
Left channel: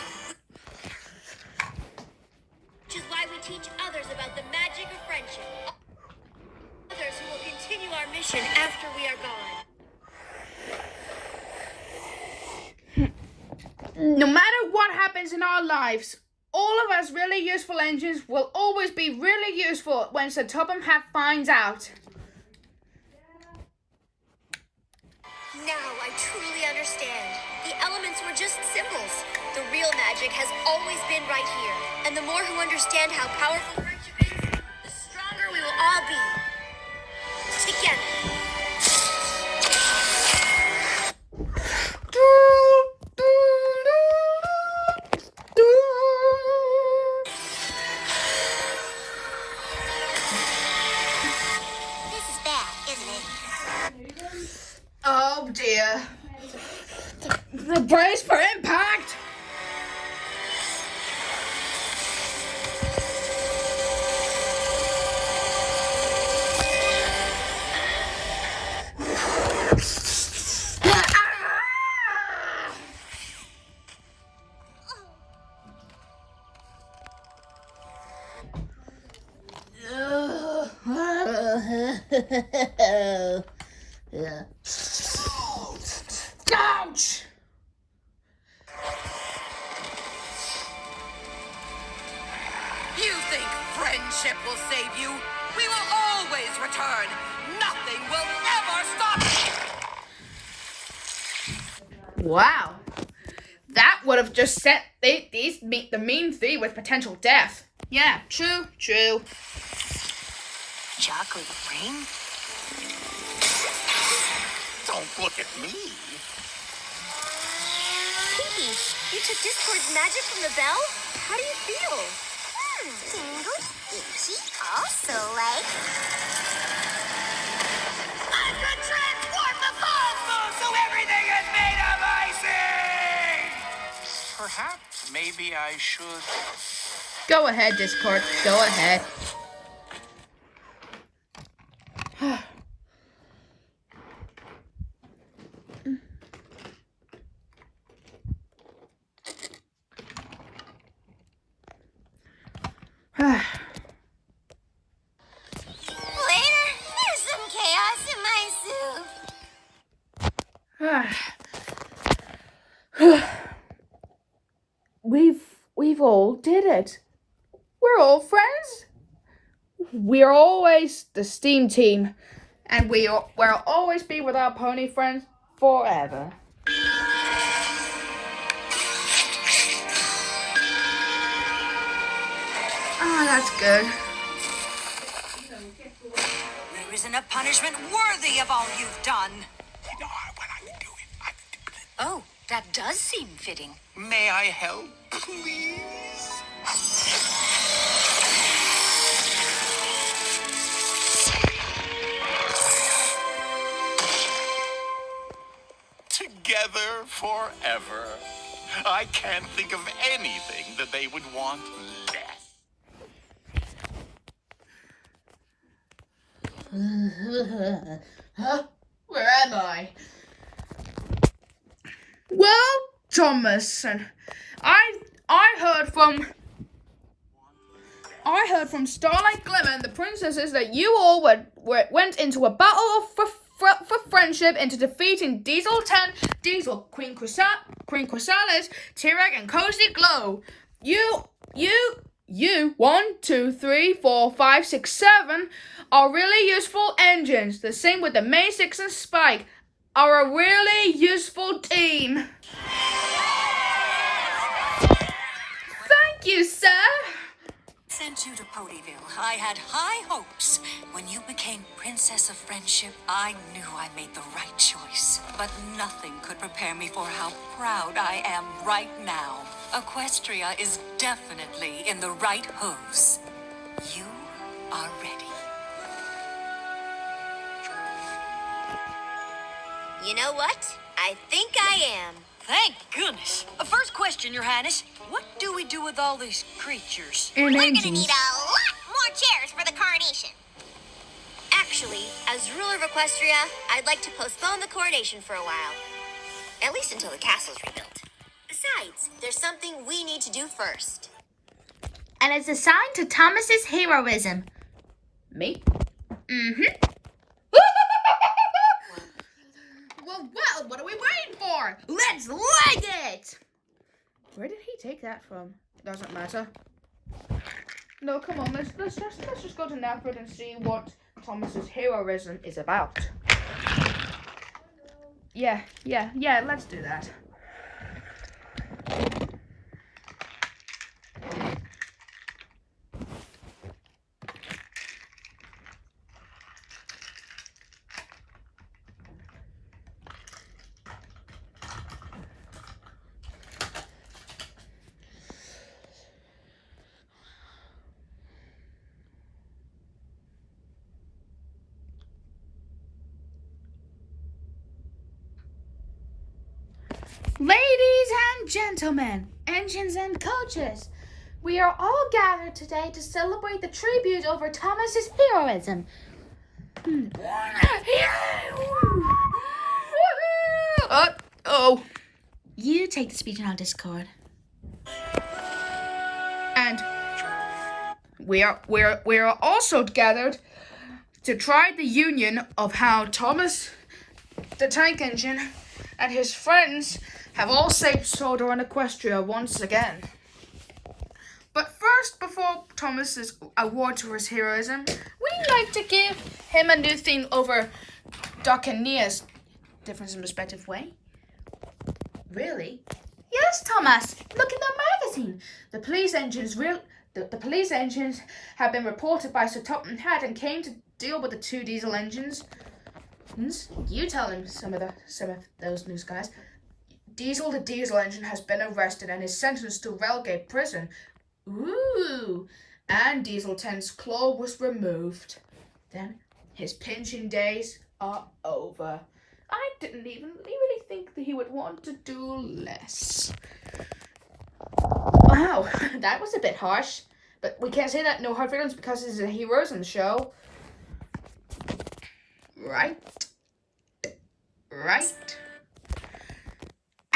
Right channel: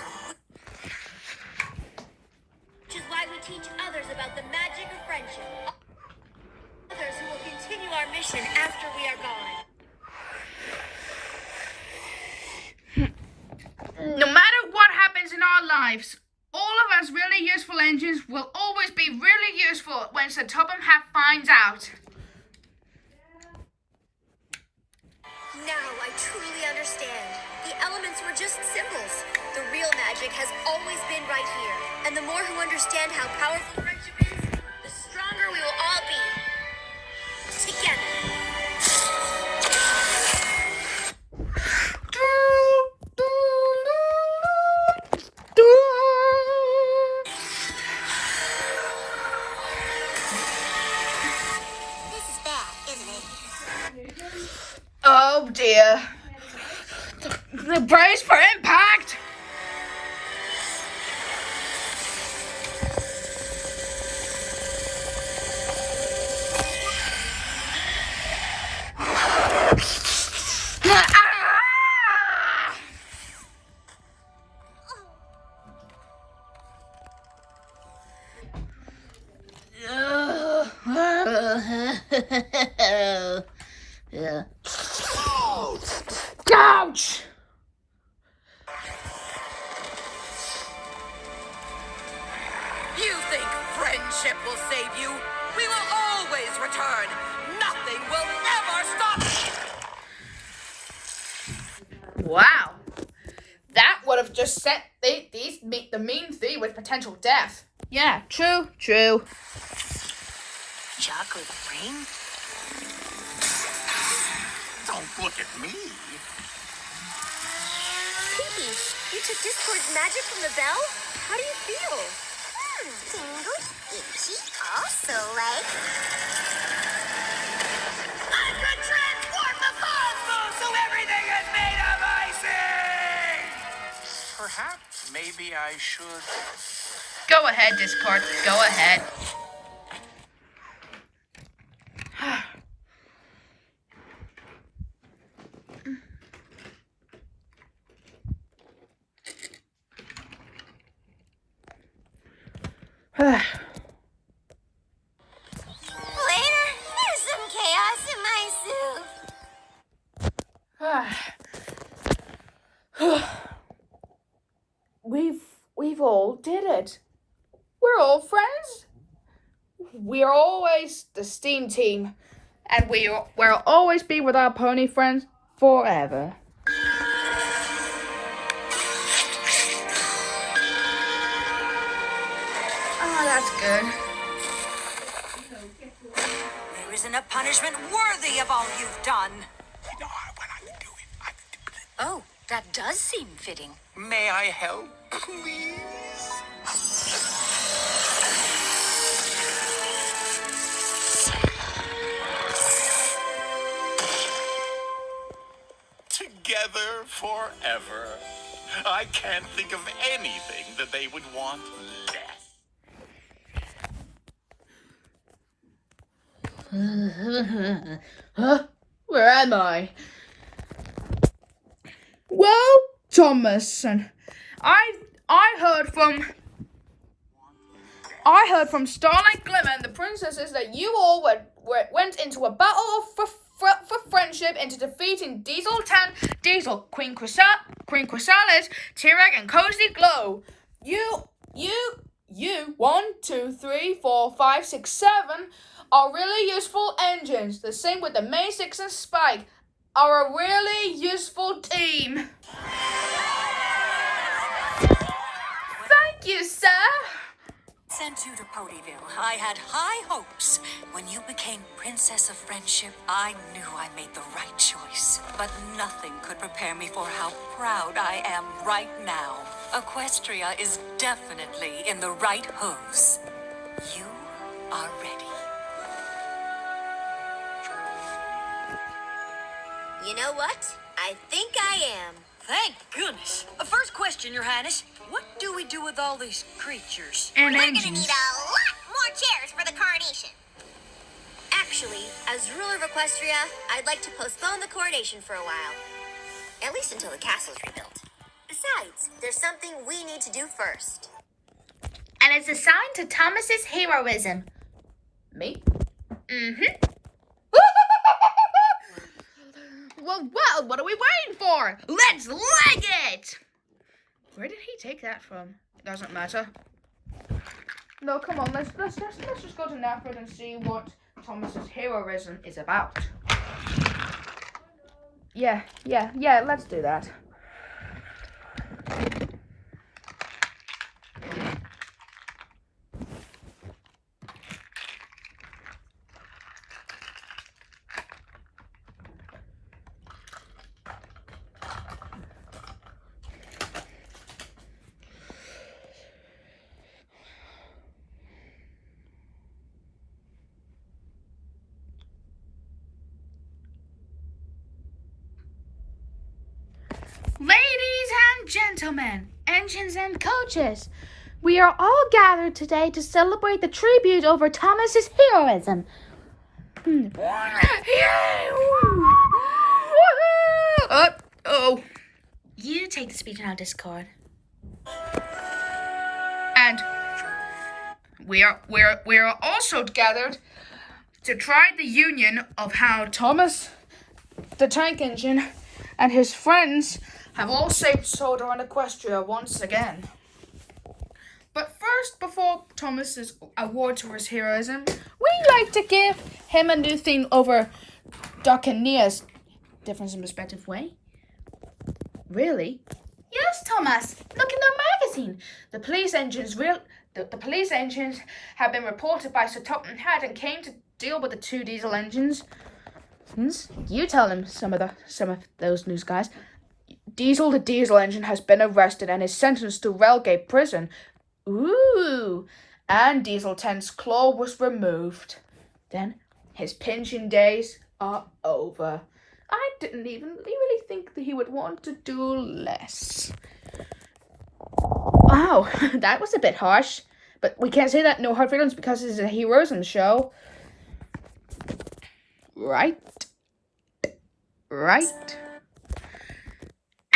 Which is why we teach others about the magic of friendship. Others who will continue our mission after we are gone. No matter what happens in our lives, all of us really useful engines will always be really useful when Sir Topham Hatt finds out. Now I truly understand. The elements were just symbols. The real magic has always been right here. And the more who understand how powerful friendship is, the stronger we will all be. Together. This is bad, isn't it? Oh dear. The brace for impact! Ouch! You think friendship will save you? We will always return. Nothing will ever stop me. Wow. That would have just set the mean three with potential death. Yeah, true. Chocolate rain? Don't look at me. Pinky, you took Discord's magic from the bell? How do you feel? Tingles, itchy, also like. I could transform the cosmos so everything is made of icing! Perhaps maybe I should. Go ahead, Discord. Go ahead. Later, there's some chaos in my soup. We've all did it. We're all friends. We're always the STEAM team, and we'll always be with our pony friends forever. Oh, that's good. There isn't a punishment worthy of all you've done. You know what I can do it. I can do it. Oh, that does seem fitting. May I help, please? Together forever. I can't think of anything that they would want less. Huh? Where am I? Well, Thomas, and I heard from Starlight Glimmer and the princesses that you all went into a battle for for friendship into defeating Diesel 10, Diesel, Queen Chrysalis, T-Rex, and Cozy Glow. You, 1, 2, 3, 4, 5, 6, 7 are really useful engines. The same with the May 6 and Spike are a really useful team. Thank you, sir. Sent you to Ponyville. I had high hopes. When you became Princess of Friendship, I knew I made the right choice. But nothing could prepare me for how proud I am right now. Equestria is definitely in the right hooves. You are ready. You know what? I think I am. Thank goodness. First question, Your Highness. What do we do with all these creatures? And We're gonna engines. need a lot more chairs for the coronation. Actually, as ruler of Equestria, I'd like to postpone the coronation for a while. At least until the castle's rebuilt. Besides, there's something we need to do first. And it's a sign to Thomas's heroism. Me? Mm-hmm. Well, what are we waiting for? Let's leg it! Where did he take that from? It doesn't matter. No, come on, let's just go to Nafford and see what Thomas's heroism is about. Yeah, let's do that. Ladies and gentlemen, engines and coaches, we are all gathered today to celebrate the tribute over Thomas's heroism. You take the speech on our Discord. And we are also gathered to try the union of how Thomas the Tank Engine and his friends have all saved Soda and Equestria once again. But first, before Thomas's award for his heroism, we like to give him a new thing over Doc and Nia's difference in perspective way. Really? Yes, Thomas. Look in the magazine. The police engines have been reported by Sir Topham Hatt and came to deal with the 2 diesel engines. You tell him some of those news guys. Diesel the diesel engine has been arrested and is sentenced to Railgate prison. Ooh! And Diesel 10's claw was removed. Then his pinching days are over. I didn't even really think that he would want to do less. Wow, that was a bit harsh. But we can't say that no hard feelings because it's a heroism show. Right.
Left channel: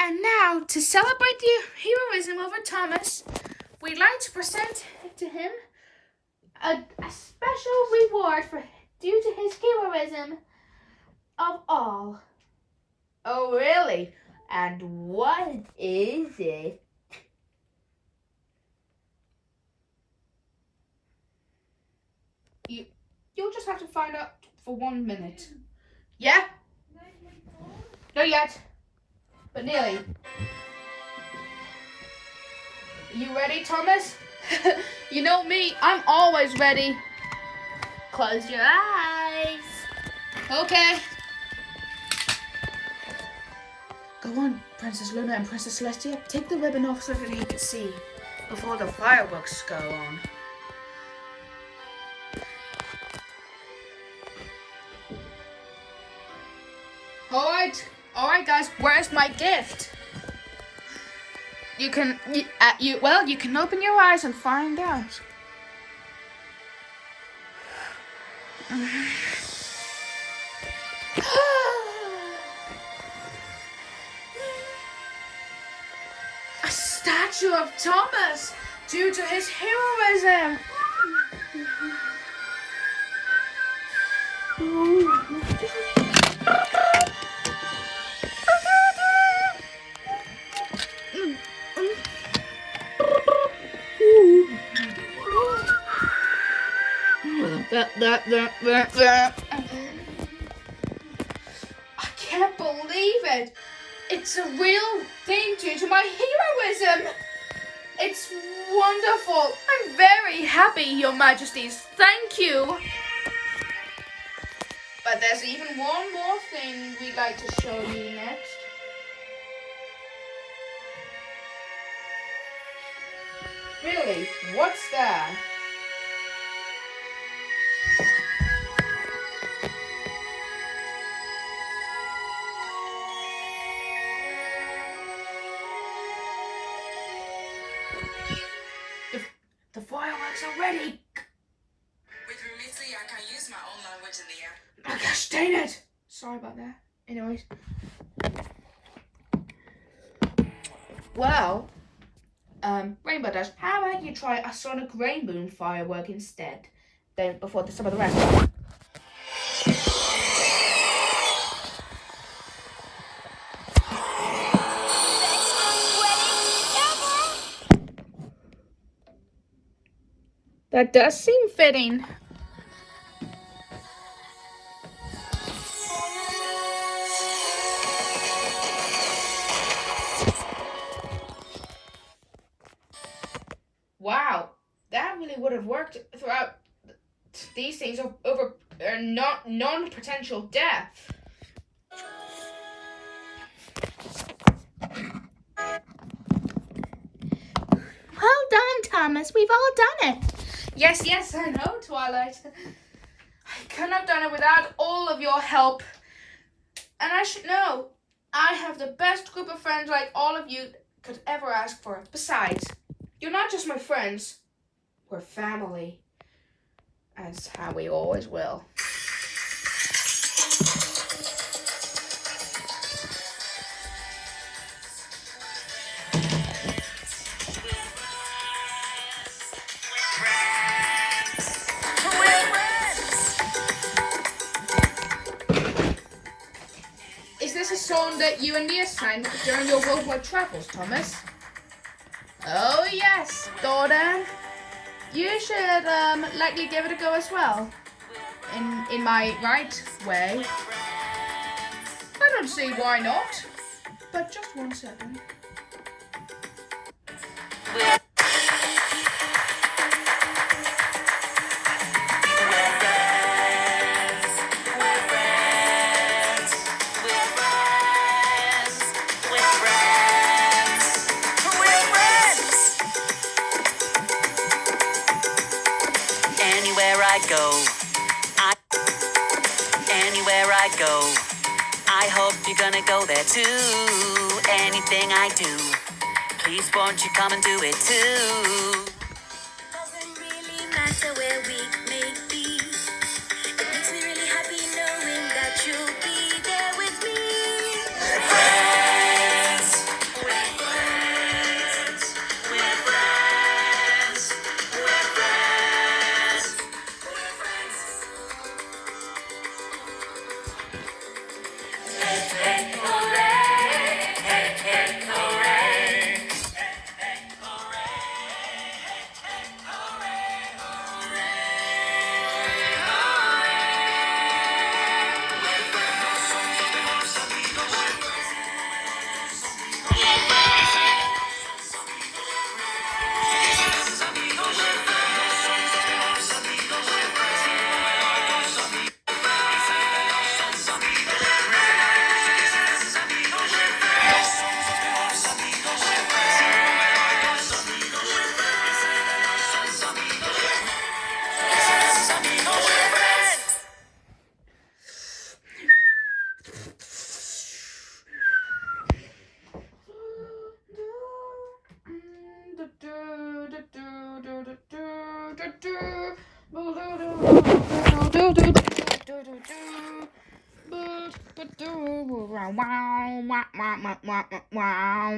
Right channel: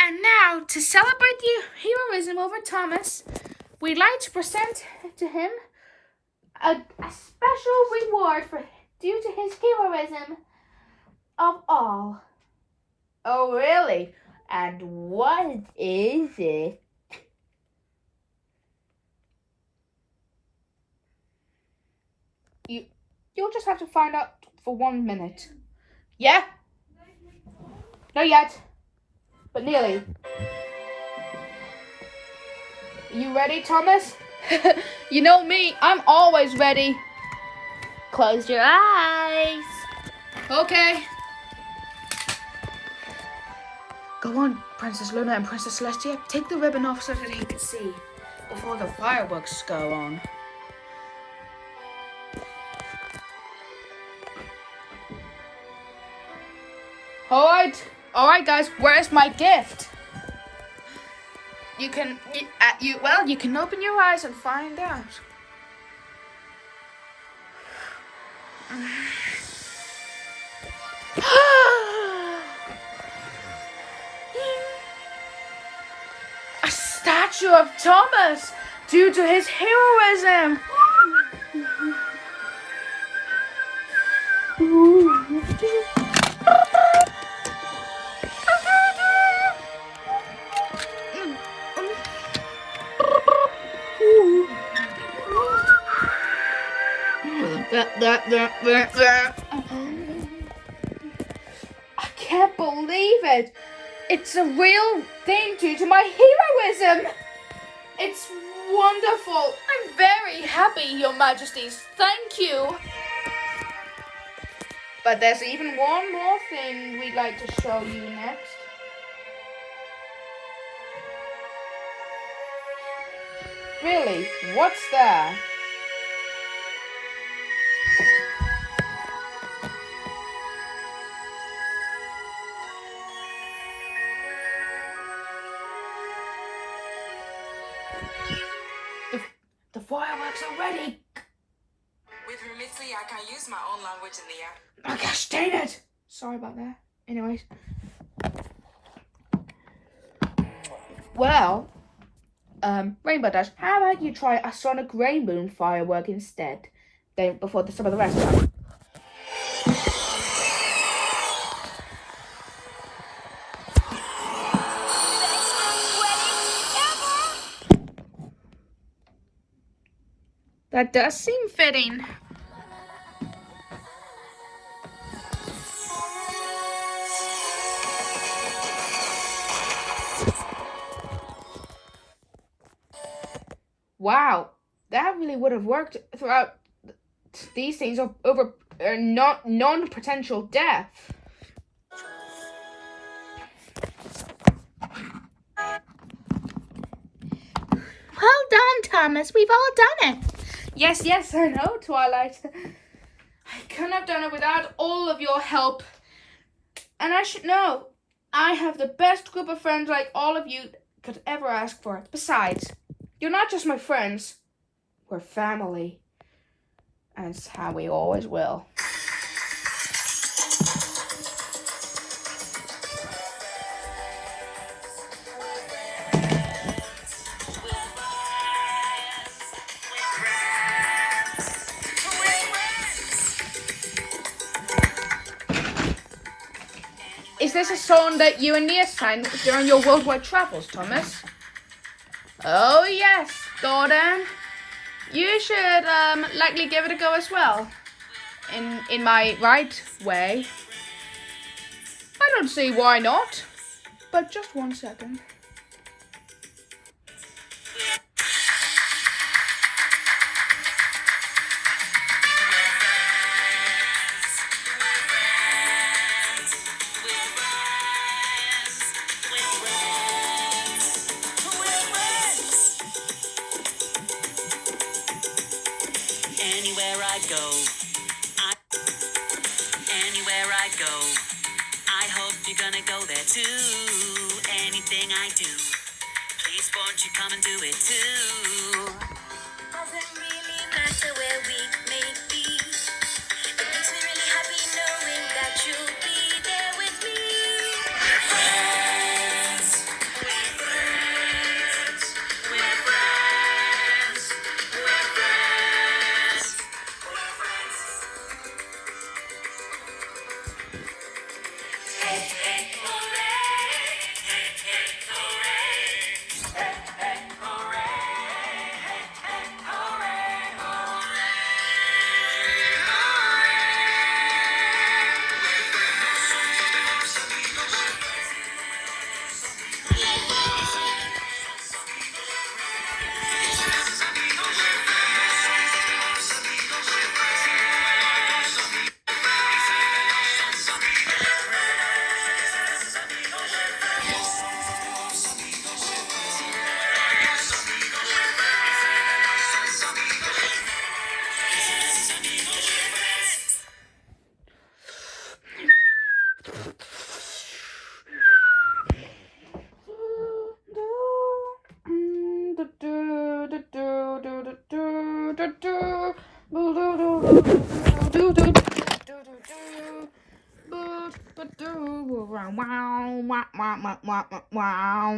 And now, to celebrate the heroism over Thomas, we'd like to present to him a special reward due to his heroism of all. Oh, really? And what is it? You'll just have to find out for 1 minute. Yeah? Not yet, but nearly. You ready, Thomas? You know me, I'm always ready. Close your eyes. Okay. Go on, Princess Luna and Princess Celestia. Take the ribbon off so that he can see before the fireworks go on. All right, guys. Where's my gift? You can open your eyes and find out. A statue of Thomas due to his heroism. can't believe it. It's a real thing due to my heroism. It's wonderful. I'm very happy, Your Majesties. Thank you. But there's even one more thing we'd like to show you next. Really? What's that? The fireworks are ready. With Remitly, I can use my own language in the air. Oh gosh, dang it. Sorry about that. Anyways. Well, Rainbow Dash, how about you try a sonic rainbow firework instead? Then before the start of the round. That does seem fitting. Wow, that really would have worked throughout these things over non-potential death. Well done, Thomas. We've all done it. Yes, I know, Twilight. I couldn't have done it without all of your help. And I should know, I have the best group of friends like all of you could ever ask for. Besides, you're not just my friends, we're family. And it's how we always will. Is this a song that you and Nia sang during your worldwide travels, Thomas? Oh yes, Gordon. You should likely give it a go as well. In my right way. I don't see why not. But just 1 second. Anywhere I go, I hope you're gonna go there too. Anything I do, please won't you come and do it too. Doesn't really matter where we may be. It makes me really happy knowing that you'll be there with me. We're friends. We're friends. We're friends. We're friends. We're friends. Hey, hey, hooray. Hey, hey, hooray. Hey, hey, hooray. Hey, hey, hooray. Wow.